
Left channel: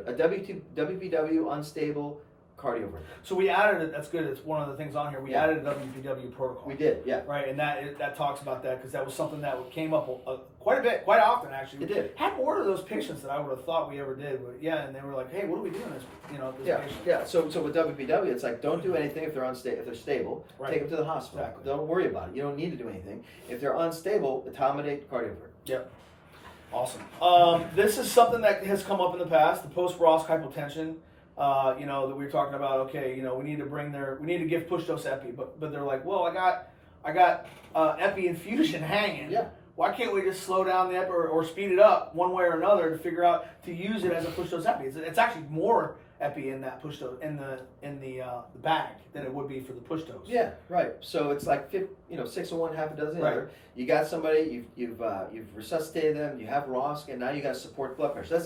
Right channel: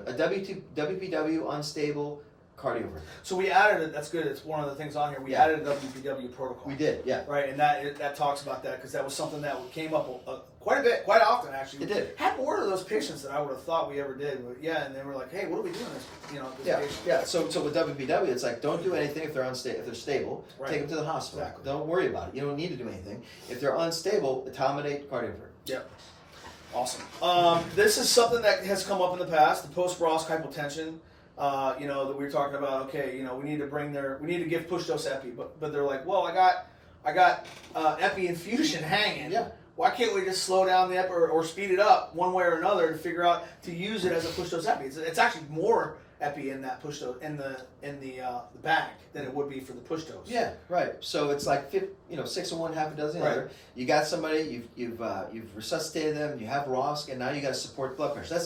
A WPW unstable, cardiovert. So we added it. That's good. It's one of the things on here. We added a WPW protocol. We did, yeah. Right, and that talks about that because that was something that came up quite a bit, quite often actually. It did. Had more of those patients than I would have thought we ever did. But yeah, and they were like, "Hey, what are we doing this? This Yeah, patient." yeah. So with WPW, it's like don't do anything if they're unstable. If they're stable, Right. take them to the hospital. Exactly. Don't worry about it. You don't need to do anything. If they're unstable, etomidate, cardiovert. Yep. Awesome. This is something that has come up in the past. The post-Ross hypotension. That we were talking about. Okay, we need to give push dose epi, but they're like, well, I got epi infusion hanging. Yeah. Why can't we just slow down the epi or speed it up one way or another to figure out to use it as a push dose epi? It's actually more epi in that push dose in the bag than it would be for the push dose. Yeah, right. So it's like 6 of one, half a dozen Right. other. You got somebody, you've resuscitated them, you have ROSC, and now you got to support blood pressure.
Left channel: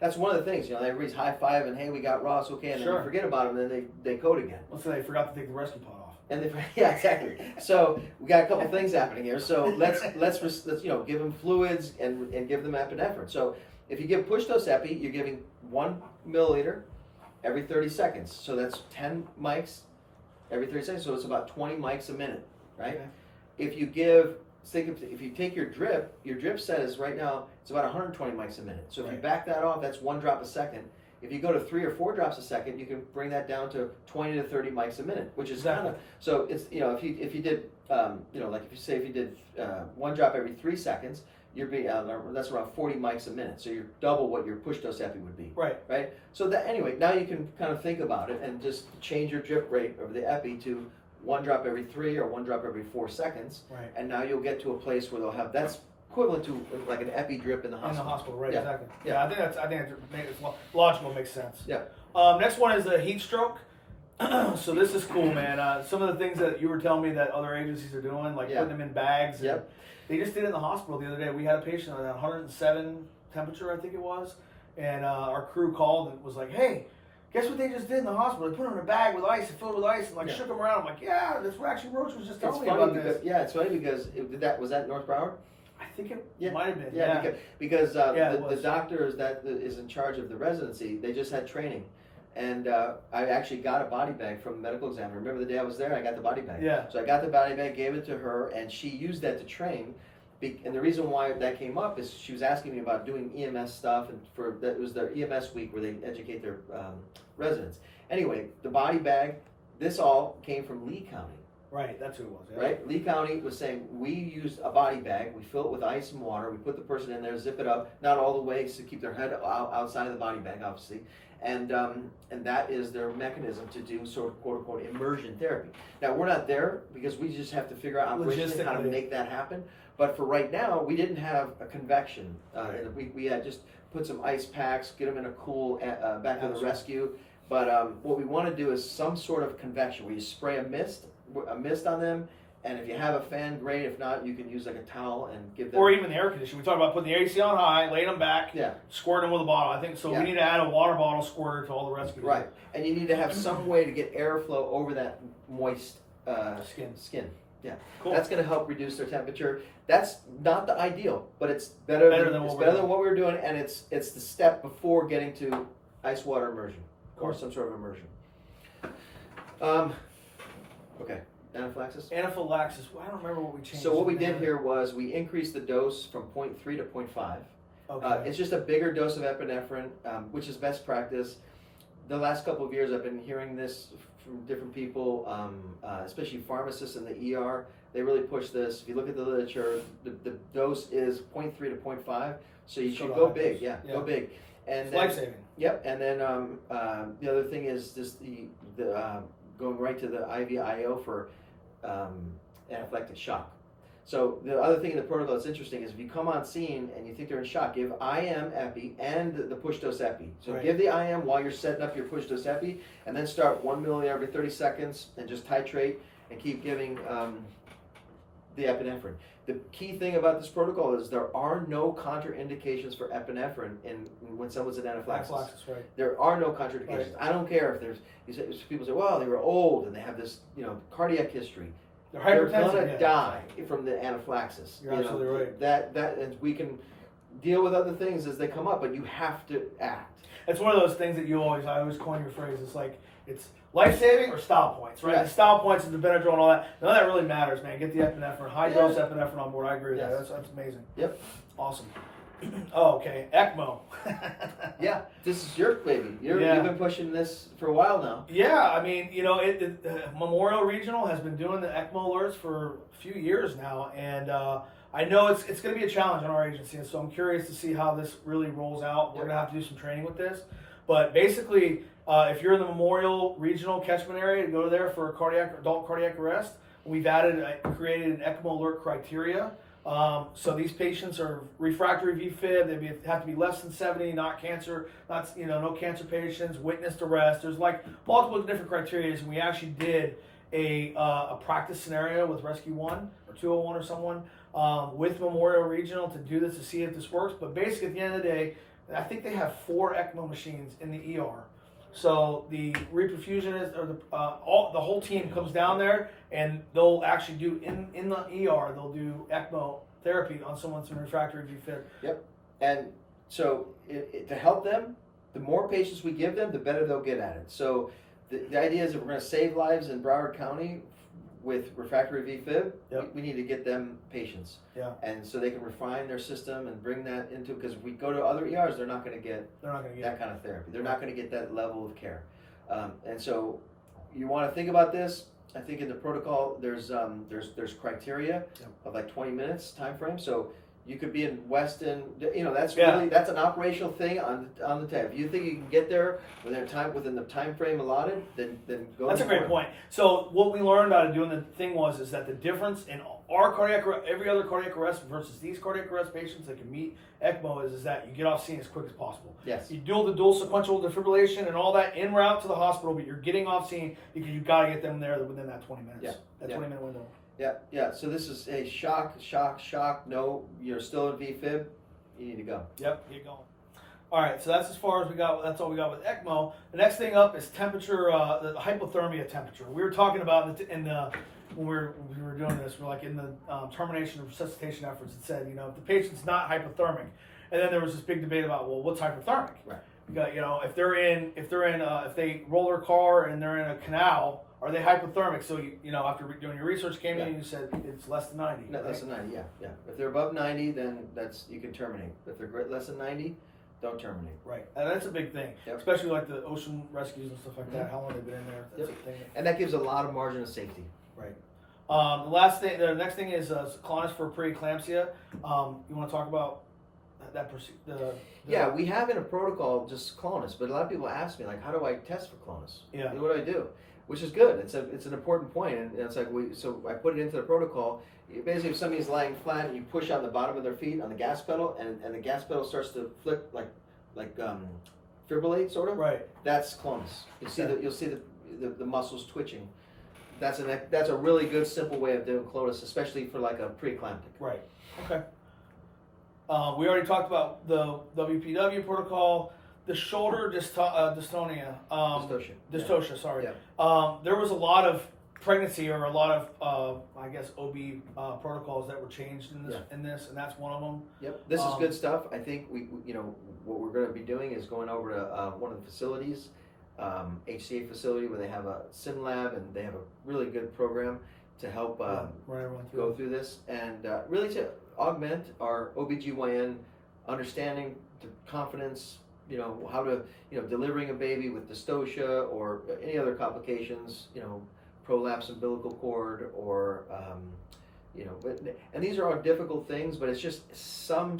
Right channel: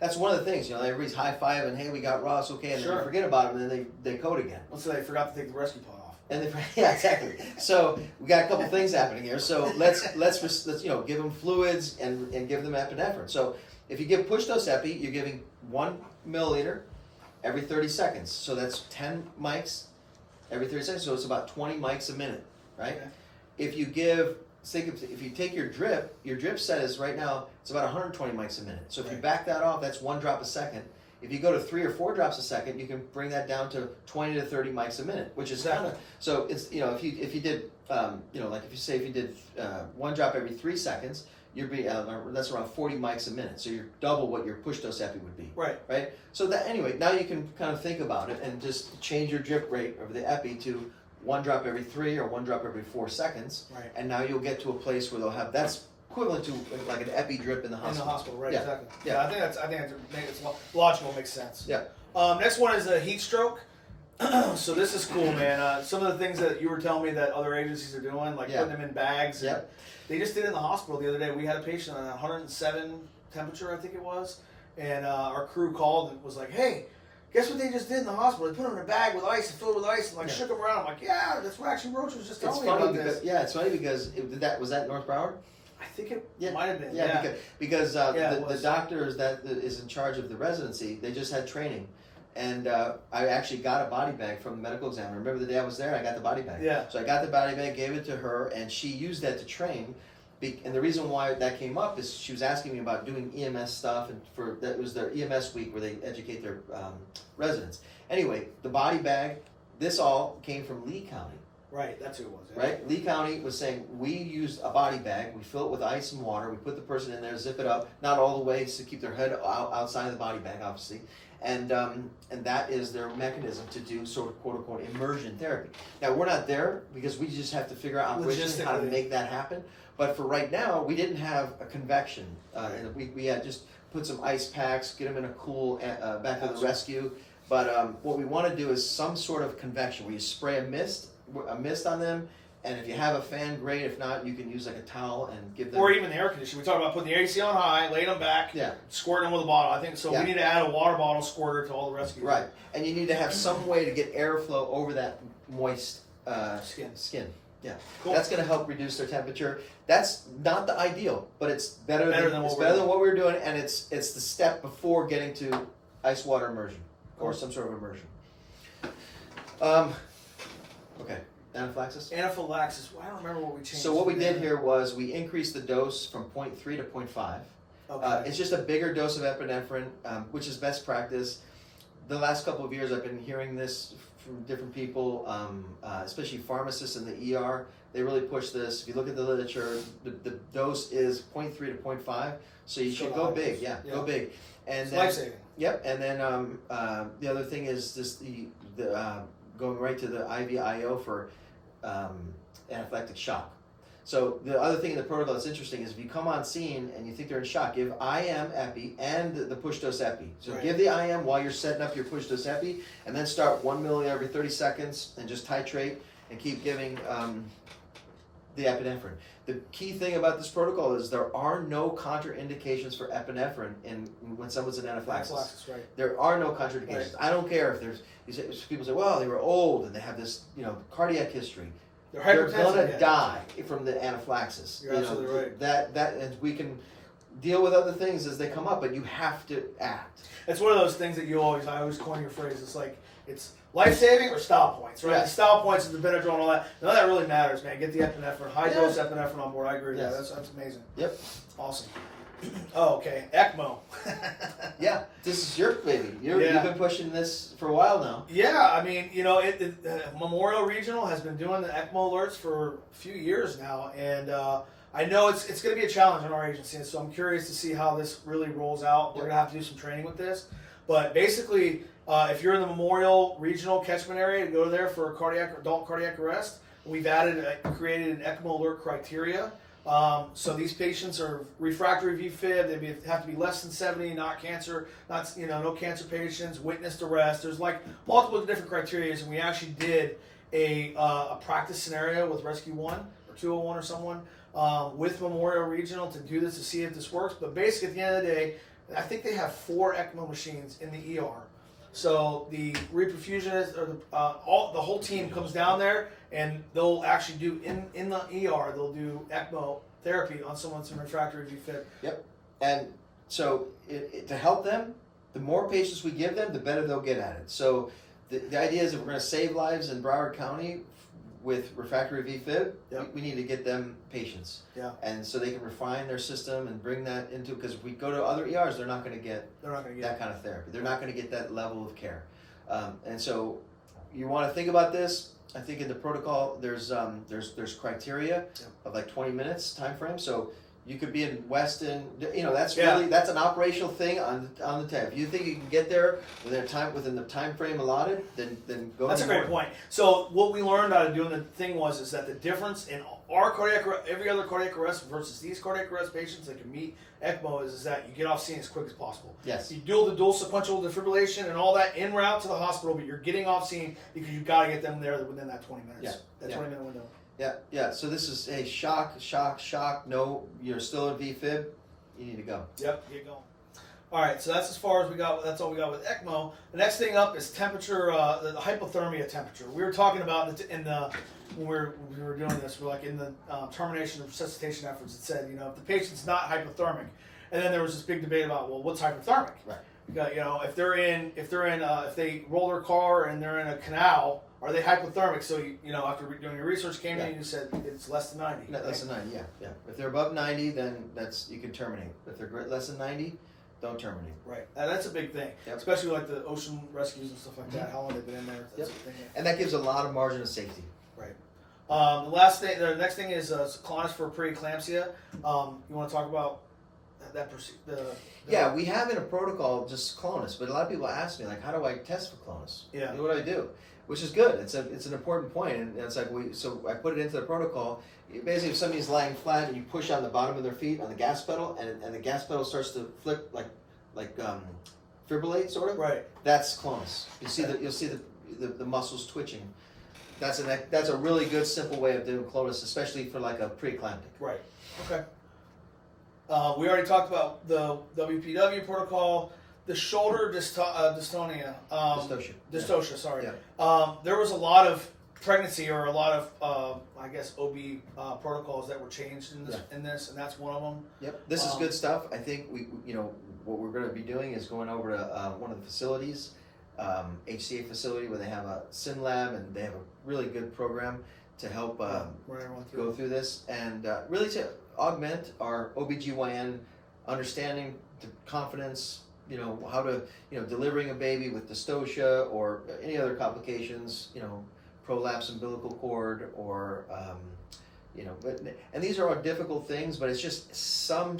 That's one of the things. Everybody's high five and hey, we got ROSC, okay, and then Sure. you forget about them, and then they code again. Let's say they forgot to take the rescue pod off. And yeah, exactly. So we got a couple things happening here. So let's give them fluids and give them epinephrine. So if you give push dose epi, you're giving 1 milliliter every 30 seconds. So that's 10 mics every 30 seconds. So it's about 20 mics a minute, right? Okay. If you give think if you take your drip says right now it's about 120 mics a minute. So if you Right. back that off, that's 1 drop a second. If you go to 3 or 4 drops a second, you can bring that down to 20 to 30 mics a minute, which is Exactly. kind of, so it's, you know, if you did, like if you did 1 drop every 3 seconds, you'd be, that's around 40 mics a minute. So you're double what your push dose epi would be. Right. Right? So that, anyway, now you can kind of think about it and just change your drip rate of the epi to 1 drop every 3 or 1 drop every 4 seconds. Right. And now you'll get to a place where they'll have, that's equivalent to like an epi drip in the In hospital. the hospital, right? Yeah. Exactly. Yeah. Yeah, I think it's logical, makes sense. Yeah. Next one is a heat stroke. So this is cool, man. Some of the things that you were telling me that other agencies are doing, like Yeah. putting them in bags. and Yep. They just did it in the hospital the other day. We had a patient on 107 temperature, I think it was, and our crew called and was like, "Hey, guess what they just did in the hospital? They put him in a bag with ice and filled with ice and like Yeah. shook him around." I'm like, "Yeah, that's what actually Roach was just It's telling me funny about because, this." yeah, it's funny because was that North Broward? I think it Yeah. might have been. Yeah, because Yeah, it the was. doctors that is in charge of the residency, they just had training. And I actually got a body bag from the medical examiner. Remember the day I was there? I got the body bag. Yeah. So I got the body bag, gave it to her, and she used that to train. And the reason why that came up is she was asking me about doing EMS stuff, and that was their EMS week where they educate their residents. Anyway, the body bag, this all came from Lee County. Right, that's who it was. Yeah. Right? Lee County was saying we use a body bag, we fill it with ice and water, we put the person in there, zip it up, not all the way to keep their head outside of the body bag, obviously, and that is their mechanism to do sort of quote unquote immersion therapy. Now we're not there because we just have to figure out operationally how to Logistically. make that happen. But for right now, we didn't have a convection, and we had just put some ice packs, get them in a cool back of the Absolutely. rescue. But what we want to do is some sort of convection where you spray a mist on them, and if you have a fan, great. If not, you can use like a towel and give them. Or even the air conditioning. We talked about putting the AC on high, laying them back, Yeah. squirting them with a bottle. I think so. Yeah. We need to add a water bottle squirter to all the rescues. Right, and you need to have some way to get airflow over that moist Skin. Yeah, Cool. that's going to help reduce their temperature. That's not the ideal, but it's better than what what we're doing, and it's the step before getting to ice water immersion or some sort of immersion. Okay, anaphylaxis. Anaphylaxis. I don't remember what we changed. So what we there. did here was we increased the dose from 0.3 to 0.5. Okay. It's just a bigger dose of epinephrine, which is best practice. The last couple of years, I've been hearing this from different people, especially pharmacists in the ER. They really push this. If you look at the literature, the dose is 0.3 to 0.5. So you So should the go high big, dose. yeah, Yeah. go big. And It's then, life-saving. Yep, and then the other thing is just the going right to the IVIO for anaphylactic shock. So the other thing in the protocol that's interesting is if you come on scene and you think they're in shock, give IM epi and the push dose epi. So Right. give the IM while you're setting up your push dose epi, and then start 1 milliliter every 30 seconds and just titrate and keep giving the epinephrine. The key thing about this protocol is there are no contraindications for epinephrine when someone's in anaphylaxis. Anaphylaxis, right. There are no contraindications. I don't care if there's people say, well, they were old and they have this cardiac history. They're They're hypertensive. gonna yeah. die from the anaphylaxis. You're absolutely right. That and we can deal with other things as they come up, but you have to act. It's one of those things that I always coin your phrase. It's like, it's life-saving or style points, right? Yeah. The style points is the Benadryl and all that. None of that really matters, man. Get the epinephrine, high-dose epinephrine on board. I agree with that. Yes. That's amazing. Yep. Awesome. Oh, okay. ECMO. Yeah, this is your baby. You've been pushing this for a while now. Yeah, I mean, Memorial Regional has been doing the ECMO alerts for a few years now, and I know it's going to be a challenge on our agency, and so I'm curious to see how this really rolls out. We're going to have to do some training with this, but basically, if you're in the Memorial Regional catchment area, to go there for adult cardiac arrest, we've created an ECMO alert criteria. So these patients are refractory VFib. They have to be less than 70, not cancer, no cancer patients, witnessed arrest. There's like multiple different criteria, and we actually did a practice scenario with Rescue 1 or 201 or someone with Memorial Regional to do this to see if this works. But basically, at the end of the day, I think they have 4 ECMO machines in the ER. So the reperfusionist or the whole team comes down there, and they'll actually do in the ER. They'll do ECMO therapy on someone's in refractory VFib. Yep. And so to help them, the more patients we give them, the better they'll get at it. So the idea is that we're going to save lives in Broward County with refractory VFib, Yep. we need to get them patients. Yeah. And so they can refine their system and bring that into, because if we go to other ERs, they're not going to get that kind of therapy. They're not going to get that level of care. And so you want to think about this. I think in the protocol, there's criteria of like 20 minutes time frame. So you could be in Weston, that's that's an operational thing on the tab. If you think you can get there within the time frame allotted, then go. That's a great point. So what we learned out of doing the thing is that the difference in our every other cardiac arrest versus these cardiac arrest patients that can meet ECMO is that you get off scene as quick as possible. Yes. You do the dual sequential defibrillation and all that en route to the hospital, but you're getting off scene because you got to get them there within that 20 minutes. That 20-minute window. Yeah. So this is a shock. No, you're still in VFib. You need to go. Yep, get going. All right, so that's as far as we got. That's all we got with ECMO. The next thing up is temperature, the hypothermia temperature. We were talking about when we were doing this. We're like in the termination of resuscitation efforts. It said, if the patient's not hypothermic, and then there was this big debate about, well, what's hypothermic? Right. You got, if they roll their car and they're in a canal, are they hypothermic? So after doing your research came in and you said it's less than 90. Less than 90, yeah. If they're above 90, then you can terminate. If they're less than 90, don't terminate. Right, and that's a big thing, especially like the ocean rescues and stuff like that. How long they've been in there? That's a thing. And that gives a lot of margin of safety. Right. The next thing is Clonus for preeclampsia. You want to talk about that? Yeah, we have in a protocol just Clonus, but a lot of people ask me, like, how do I test for Clonus? Yeah. What do I do? Which is good. It's an important point, and it's like so I put it into the protocol. Basically, if somebody's lying flat and you push on the bottom of their feet on the gas pedal, and the gas pedal starts to flip like fibrillate sort of. Right. That's Clonus. You'll see the muscles twitching. That's a really good simple way of doing Clonus, especially for like a preeclamptic. Right. Okay. We already talked about the WPW protocol. The shoulder dystonia. Dystocia, sorry. Yeah. There was a lot of pregnancy or a lot of, OB protocols that were changed in this, and that's one of them. Yep. This is good stuff. I think what we're going to be doing is going over to one of the facilities, HCA facility, where they have a sim lab and they have a really good program to help go through this and really to augment our OBGYN understanding, the confidence, how to, delivering a baby with dystocia or any other complications, prolapse umbilical cord or, and these are all difficult things, but it's just some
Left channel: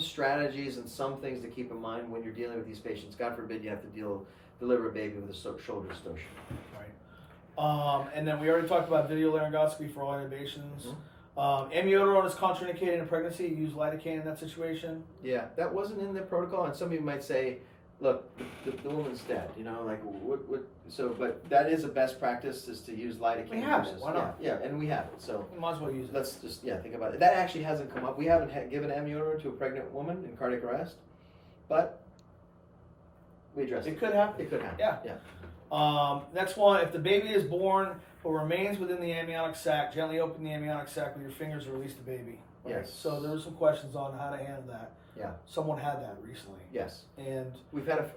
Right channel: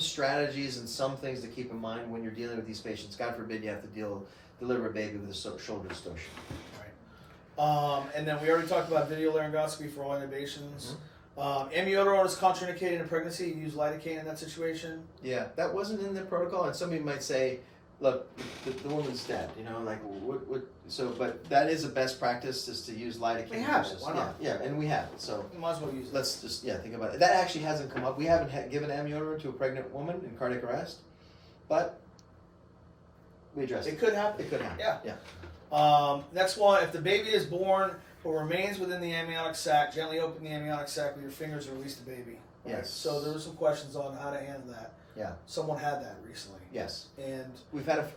strategies and some things to keep in mind when you're dealing with these patients. God forbid you have to deliver a baby with a shoulder dystocia. Right. And then we already talked about video laryngoscopy for all intubations. Amiodarone is contraindicated in pregnancy. You use lidocaine in that situation. Yeah, that wasn't in the protocol, and somebody might say, "Look, the woman's dead." What? So, but that is a best practice is to use lidocaine. We have it. Why not? Yeah, and we have it. So we might as well use it. Let's just think about it. That actually hasn't come up. We haven't given amiodarone to a pregnant woman in cardiac arrest, but we addressed it. It could happen. It could happen. Yeah. Next one: if the baby is born but remains within the amniotic sac, gently open the amniotic sac with your fingers to release the baby. Right? Yes. So there were some questions on how to handle that. Yeah. Someone had that recently. Yes. And we've had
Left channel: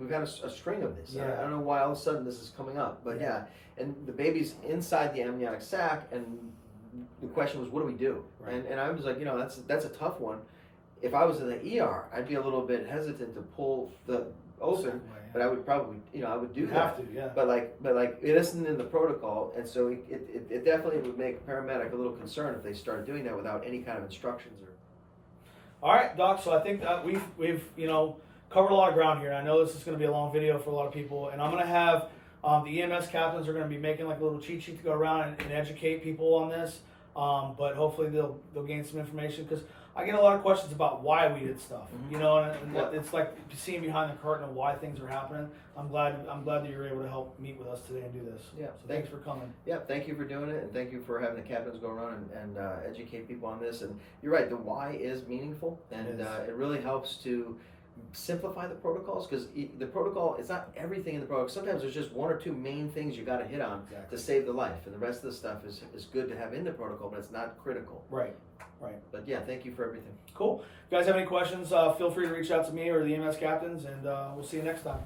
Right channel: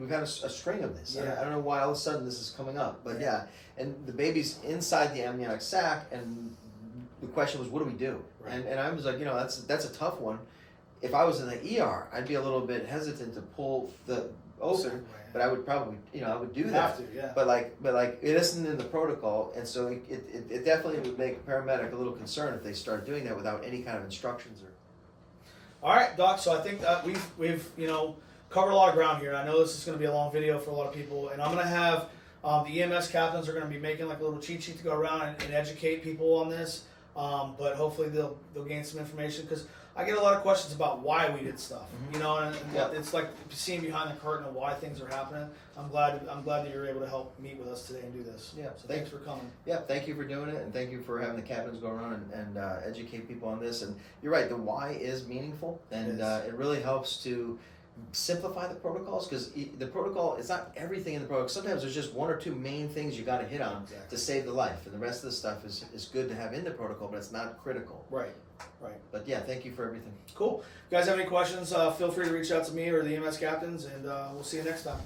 we've had a string of this. Yeah. I don't know why all of a sudden this is coming up, but yeah. And the baby's inside the amniotic sac, and the question was, what do we do? Right. And I was like, that's a tough one. If I was in the ER, I'd be a little bit hesitant to pull the open. Right. But I would probably, I would do that. Have to, yeah. But it isn't in the protocol, and so it definitely would make a paramedic a little concerned if they start doing that without any kind of instructions or. All right, Doc. So I think that we've covered a lot of ground here. And I know this is going to be a long video for a lot of people, and I'm going to have the EMS captains are going to be making like a little cheat sheet to go around and educate people on this. But hopefully they'll gain some information because I get a lot of questions about why we did stuff, and it's like seeing behind the curtain of why things are happening. I'm glad that you're able to help meet with us today and do this. Yeah. So thanks for coming. Yeah. Thank you for doing it, and thank you for having the captains go around and educate people on this. And you're right, the why is meaningful, and it really helps to simplify the protocols because the protocol it's not everything in the protocol. Sometimes there's just one or two main things you got to hit on to save the life, and the rest of the stuff is good to have in the protocol, but it's not critical. Right. But yeah, thank you for everything. Cool. If you guys have any questions, feel free to reach out to me or the EMS captains, and we'll see you next time.